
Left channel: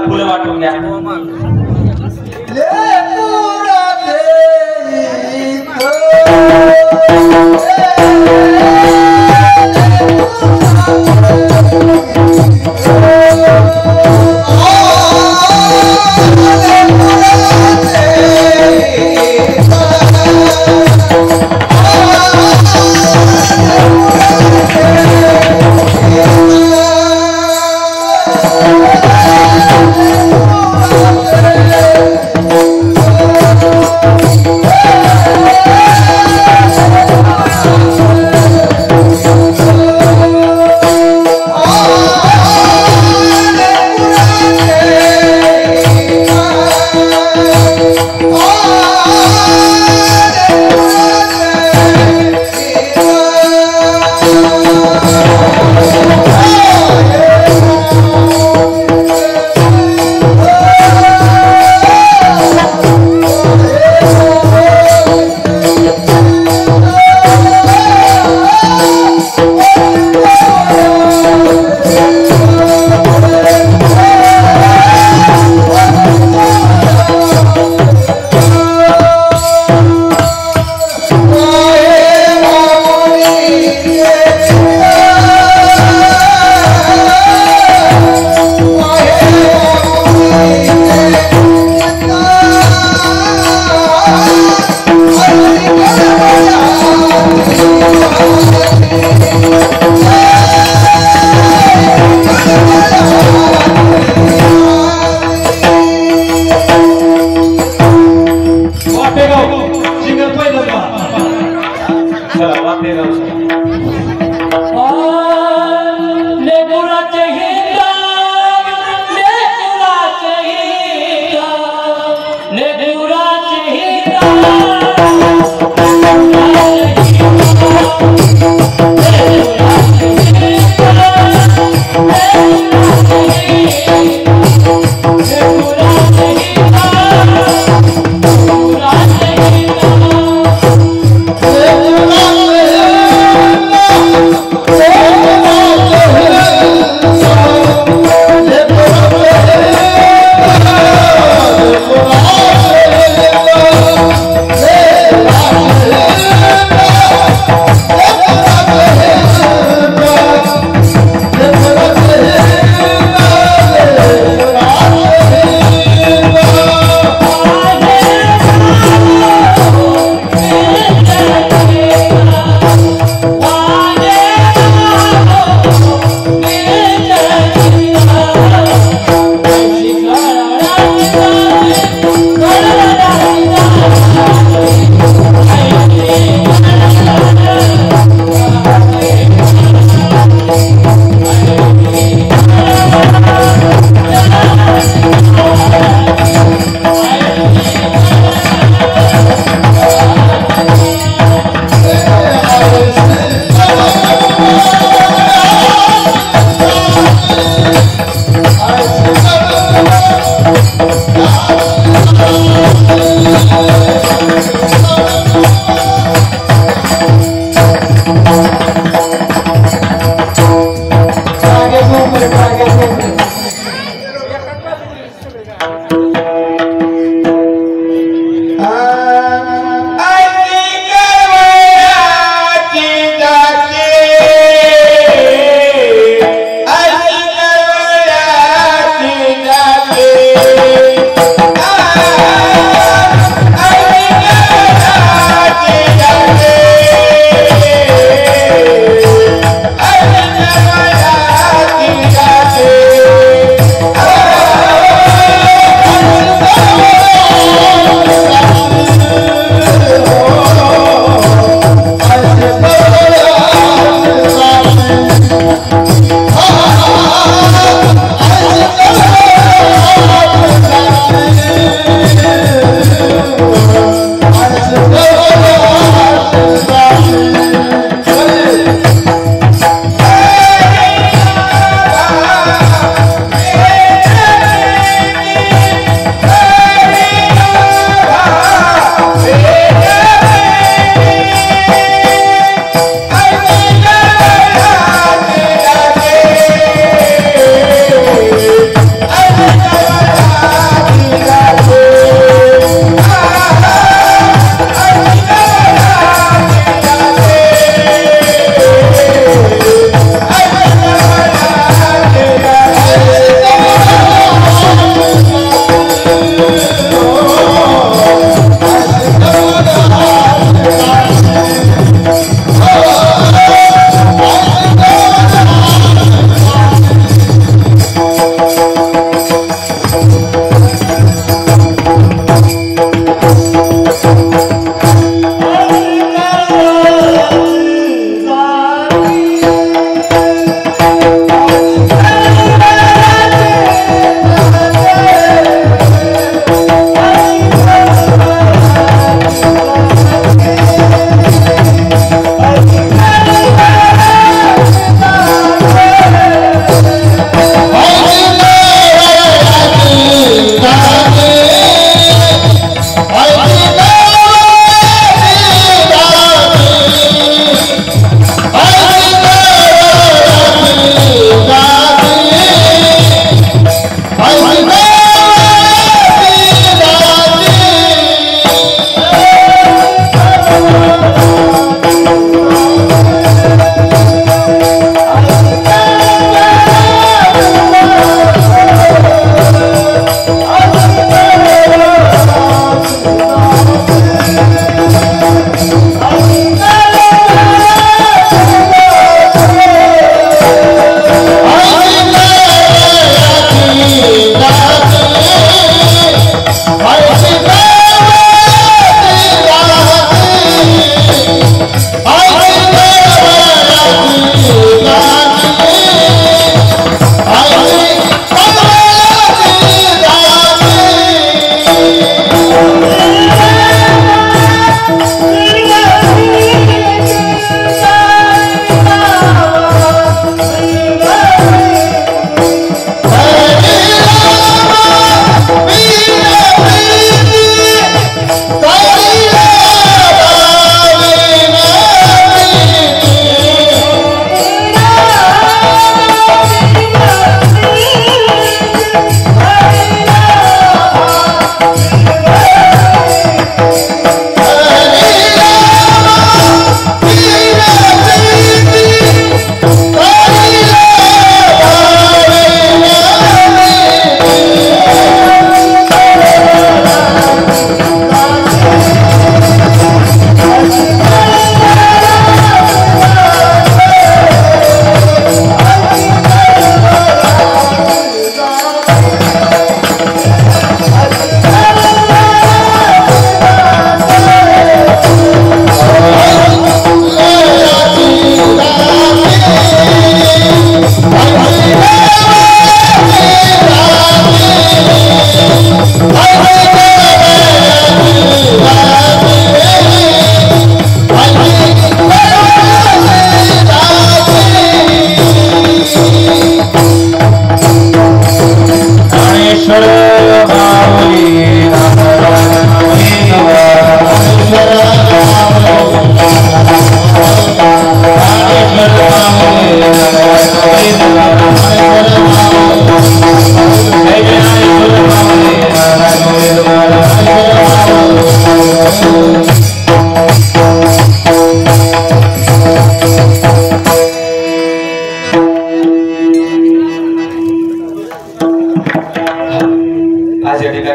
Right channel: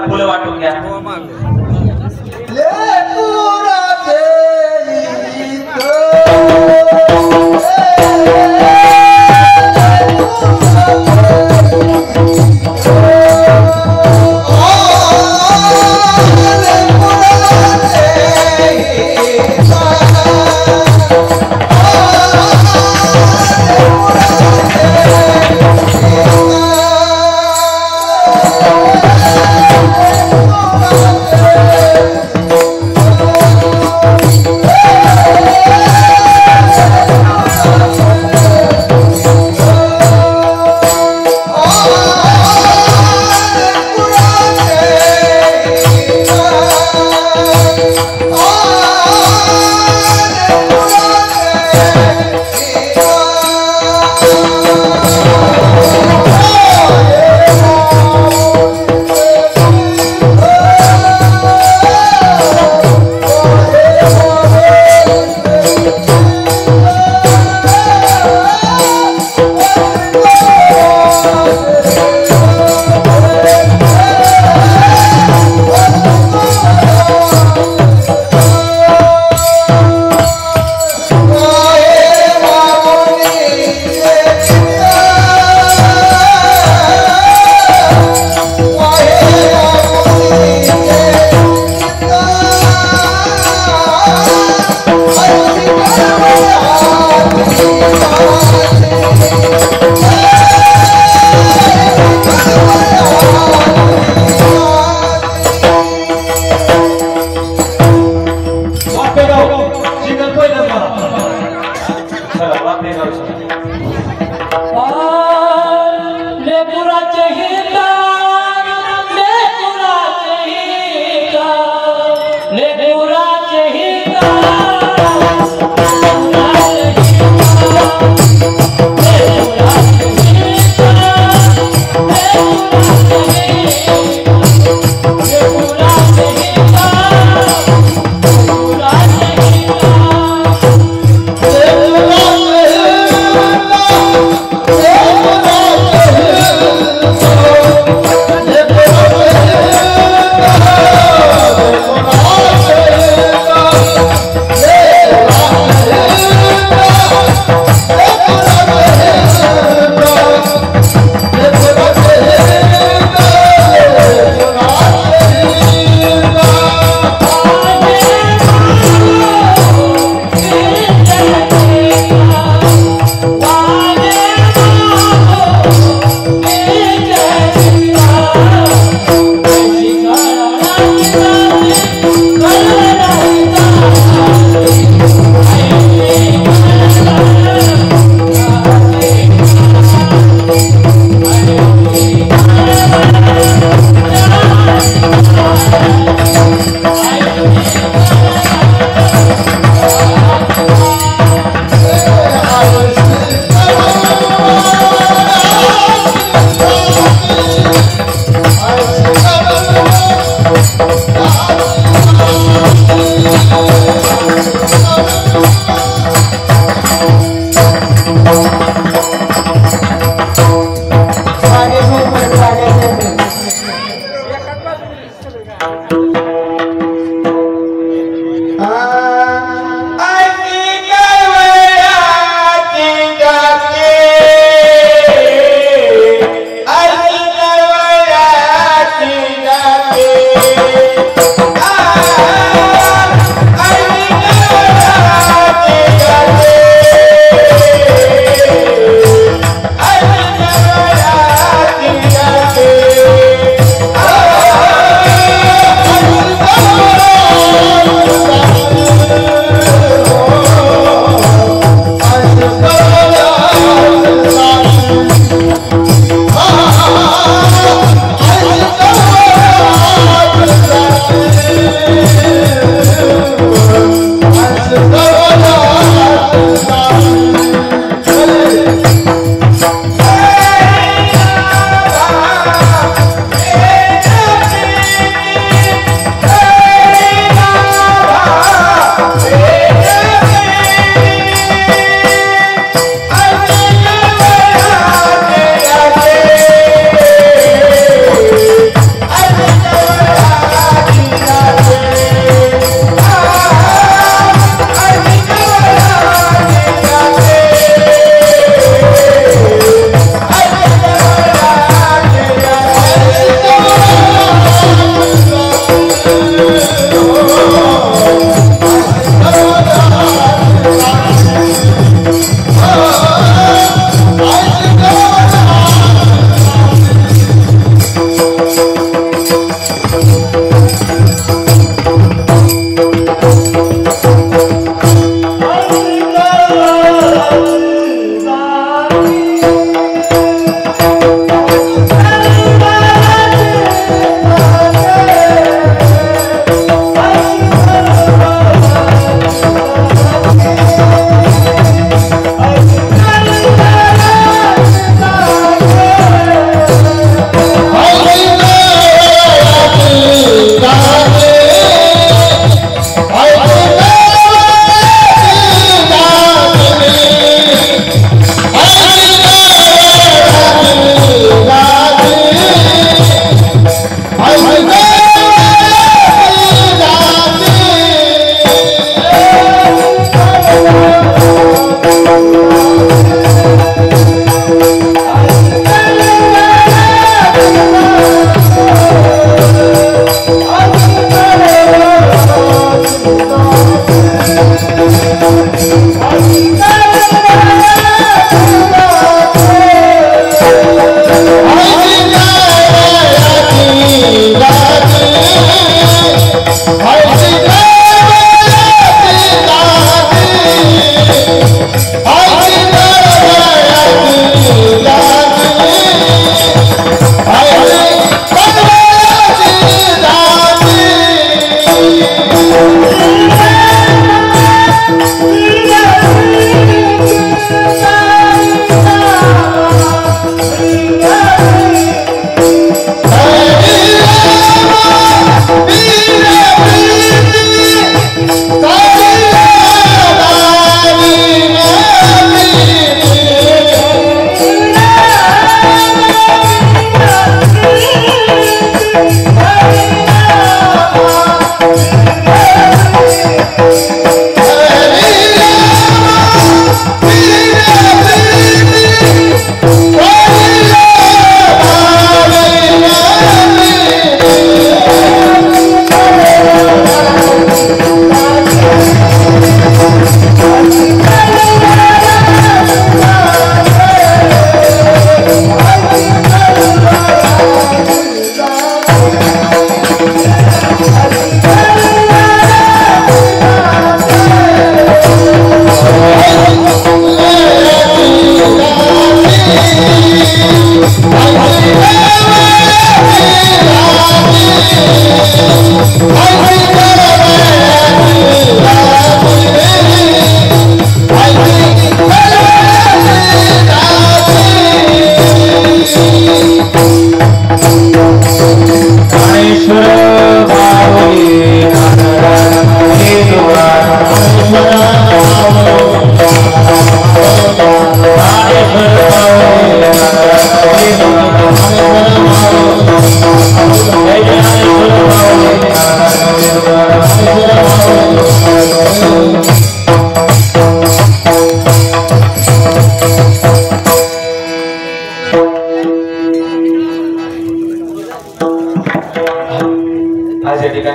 फुलं वाटून घ्या.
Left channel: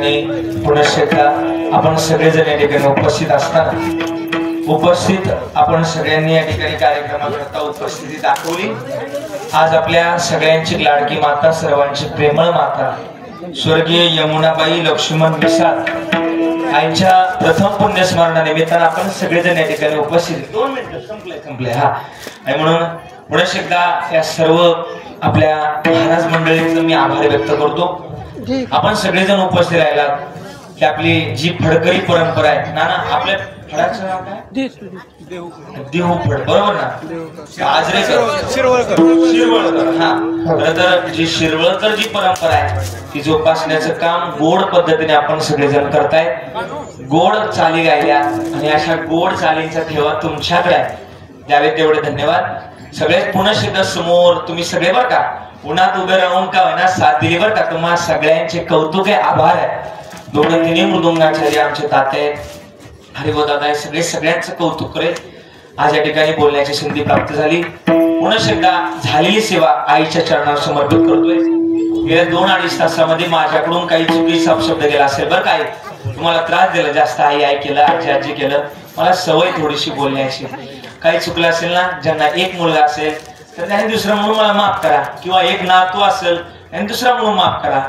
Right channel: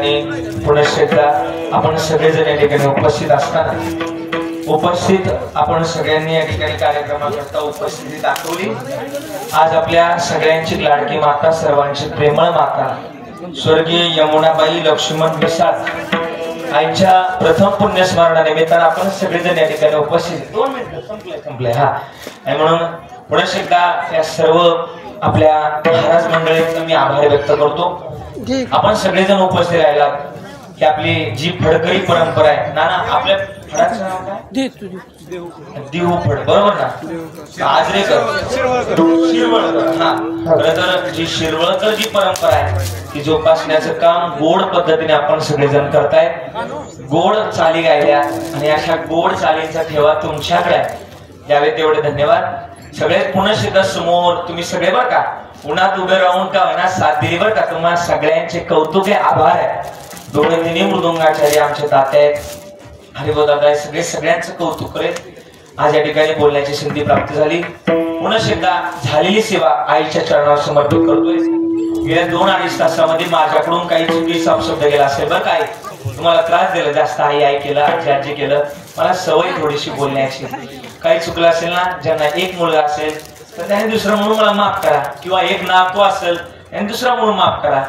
आणि पुनश्च एकदा आपण सगळेजण या ठिकाणी उपस्थित असताना आपण सगळ्यांनी या ठिकाणी कार्यक्रमाकरता उपस्थिती दाखवली। आज आपल्या सगळ्यांची लाडकी माता, सर्वांची प्रेमळ माता स्वर्गीय यमुनाबाई लक्ष्मण बिसात आईच्या प्रथम पुण्यस्मरणानिमित्तानं आपण सगळेजण या ठिकाणी उपस्थित। 2 मिनिटं संपले हा। आणि म्हणून पुनश्च एकदा या सर्व आपल्या महाराज मंडळींचा मी आभार व्यक्त करतो। आपण सगळेजण उपस्थित राहिला की आपली जी फडकरी परंपरा आहे ना आपल्या फडाचं नाव काय? देहू फड, बरोबर ना? आजरेकर शिरवळकर हा। तर जी शिरवळकर जी परंपरा आहे ती जोपासण्याचं काम गोड पद्धतीने आपण सगळेजण करताय। गोड चाली गायल्या आणि अशा गोड चालींचा ठेवा तुमच्याकडे आहे, द्यावे तेवढे धन्यवाद। सगळे पुनश्च समोर तुम्ही सगळे बरं का उन्हात उभे राहून का होईना साथ दिली बरं का। तुम्हाला सगळ्यांचे कौतुक आहे, आभार आहे। 2-3 मृदुंगाचार्य आमचे तात्या आहेत, हरिभाऊ दादा आहे, सगळ्यांचं कौतुक रे। आज या ठिकाणी बोलण्याची संधी प्राप्त झाली। पुनश्च एकदा झालेली सेवा आईच्या चरणावर समर्पित करतोय। गेल्या 2-2.5 तासामध्ये माझ्याकडून काही चुकीचा अपशब्द गेला असेल बरं काय, तुम्हाला त्रास दिला जास्त, आई केलं, आजी केलं, मला सवय थोडीशी बोलण्याची। काही चुकलं असेल ना, ज्यांना एक मुलगा असेल तर त्यांनी दुसरा म्हणून मला माफ करा, किंवा एक नातू असेल त्यांनी दुसरा म्हणून माफ करा।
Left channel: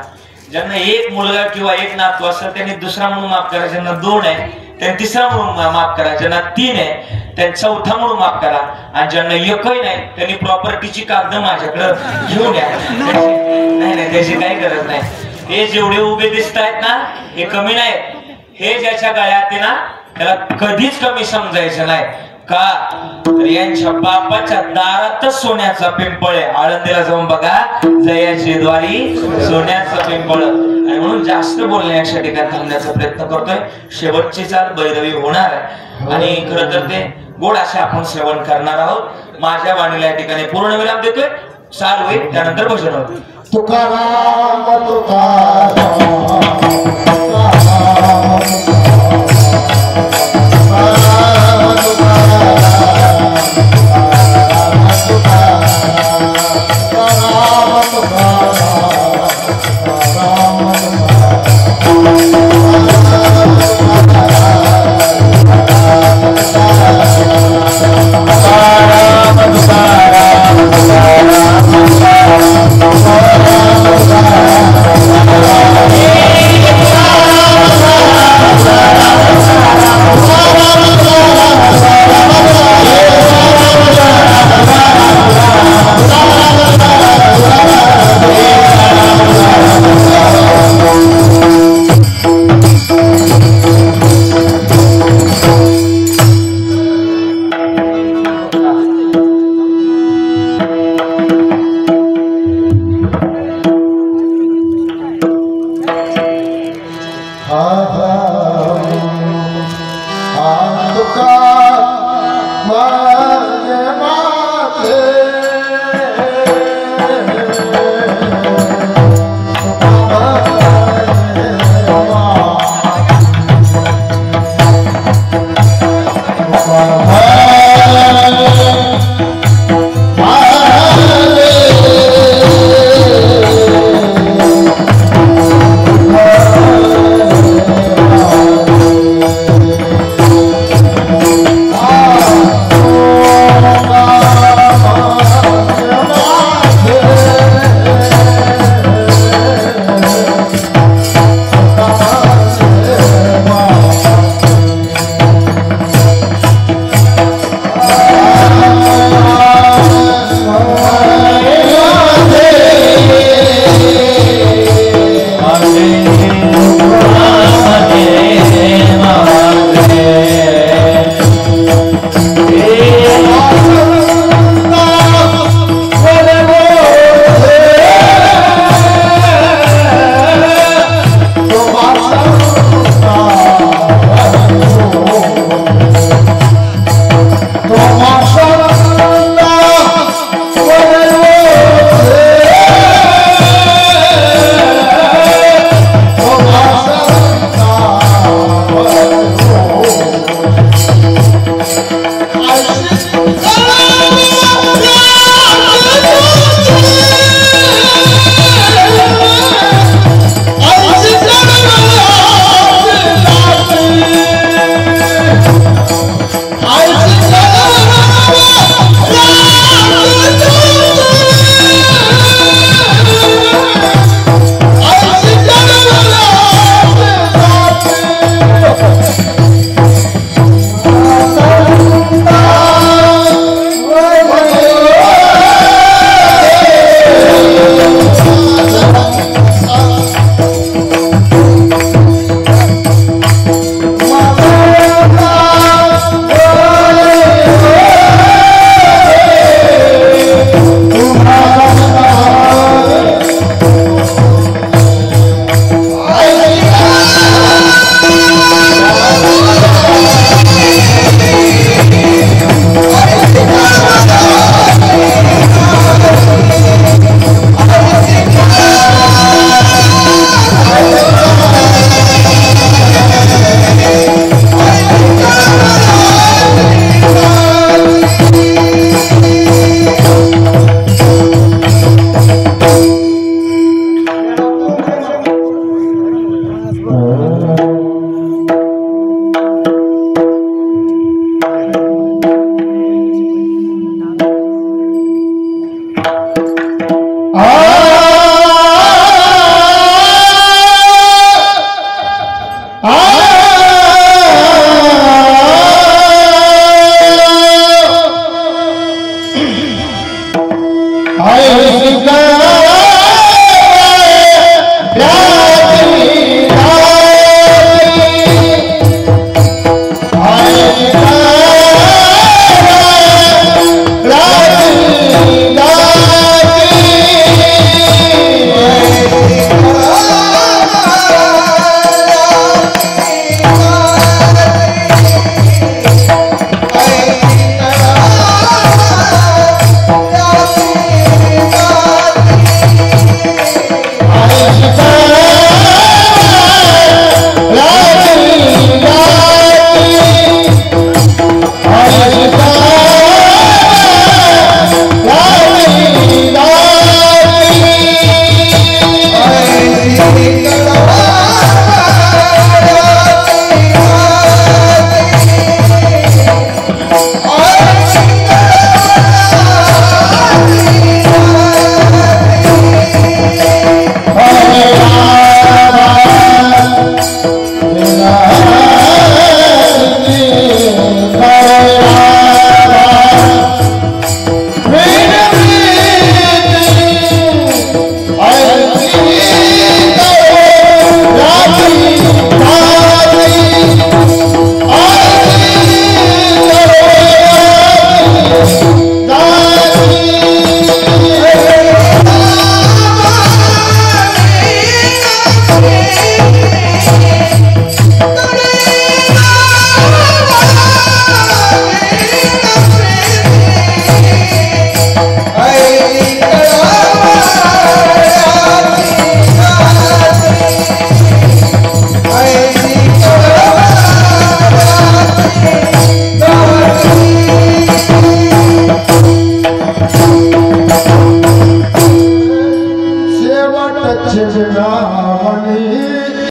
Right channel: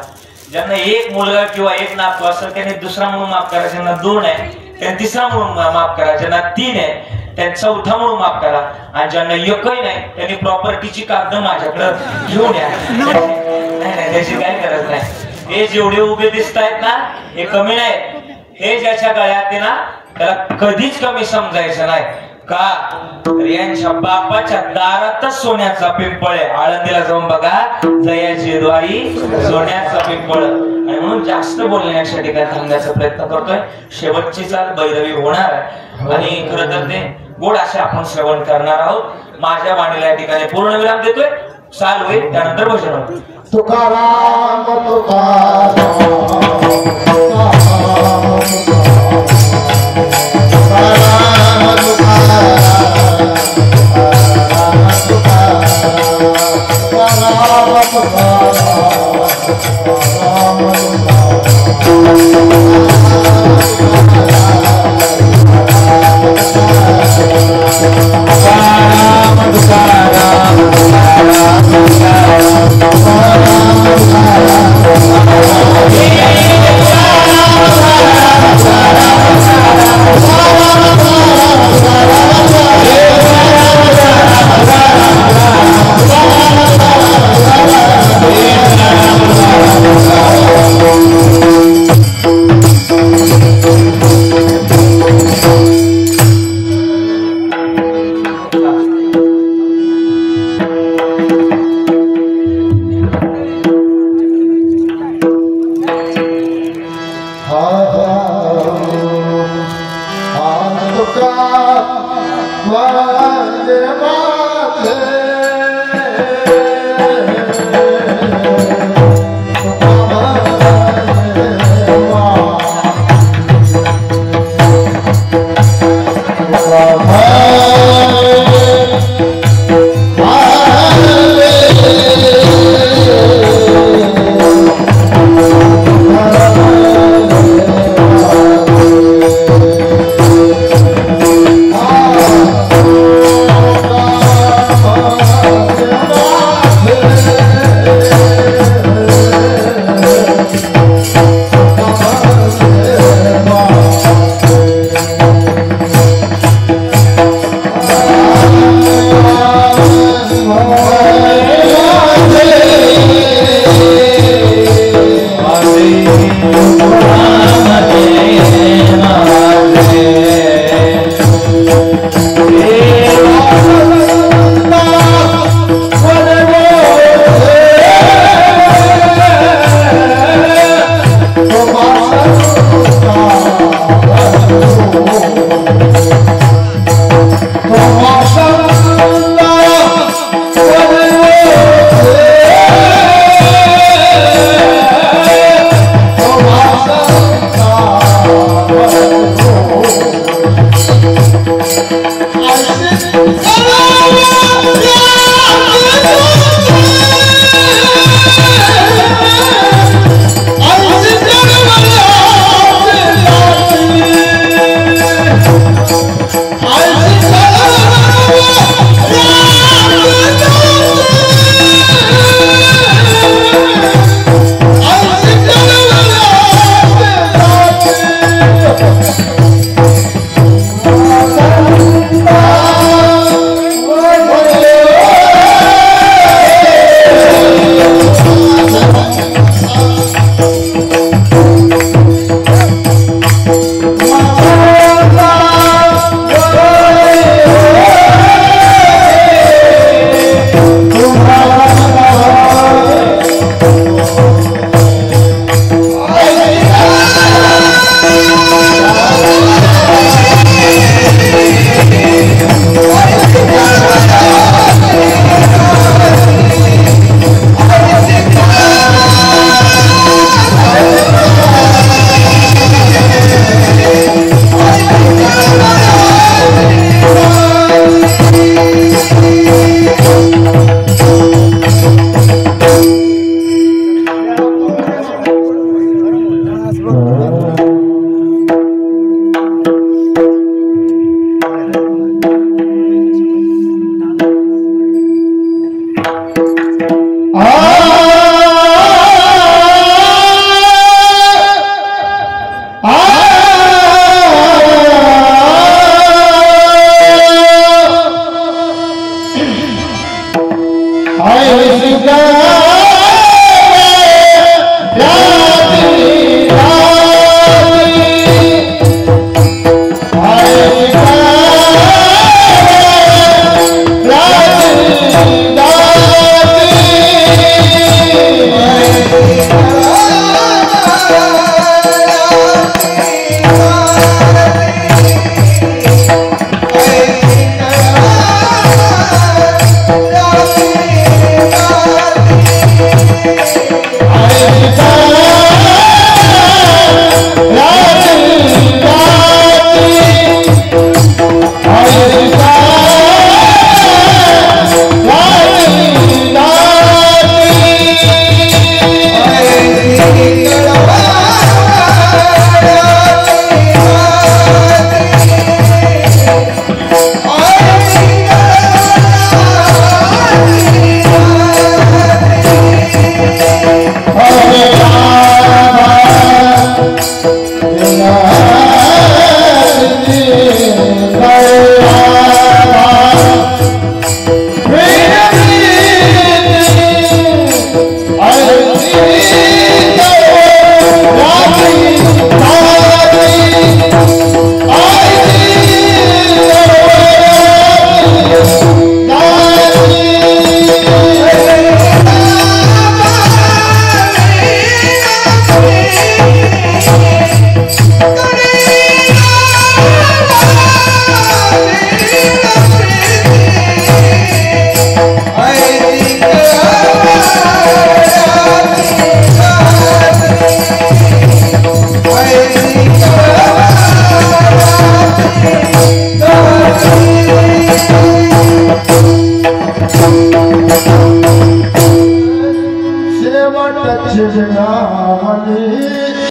ज्यांना एक मुलगा किंवा एक नातू असेल त्यांनी दुसरा म्हणून माफ करा, ज्यांना 2 आहे त्यांनी तिसरा म्हणून माफ करा, ज्यांना 3 आहे त्यांनी चौथा म्हणून माफ करा, आणि ज्यांना एकही नाही त्यांनी प्रॉपर्टीची कागद माझ्याकडे घेऊन या। नाही त्याची काही गरज नाही। हे जेवढे उभे दिसत आहेत ना हे कमी नाही, हे ज्याच्या गळ्यात आहे ना त्याला कधीच कमी समजायचं नाही का। यांच्या बापाच्या दारातच सोन्याचा पिंपळ आहे, आळंदीला जाऊन बघा, जयाची द्वारी सोन्याचा पिंपळ। आणि म्हणून जास्त बोलण्याच्या ठिकाणी थांबण्याचा प्रयत्न करतोय। शेवटची चाल भैरवी होणार आहे आणि खरं तर ते गोड असे आपण श्रवण करणार आहोत। माझ्या वाणीला या ठिकाणी पूर्ण विराम देतोय, चाल होईल त्यानंतर भजन होईल। तुकाराम तुकाराम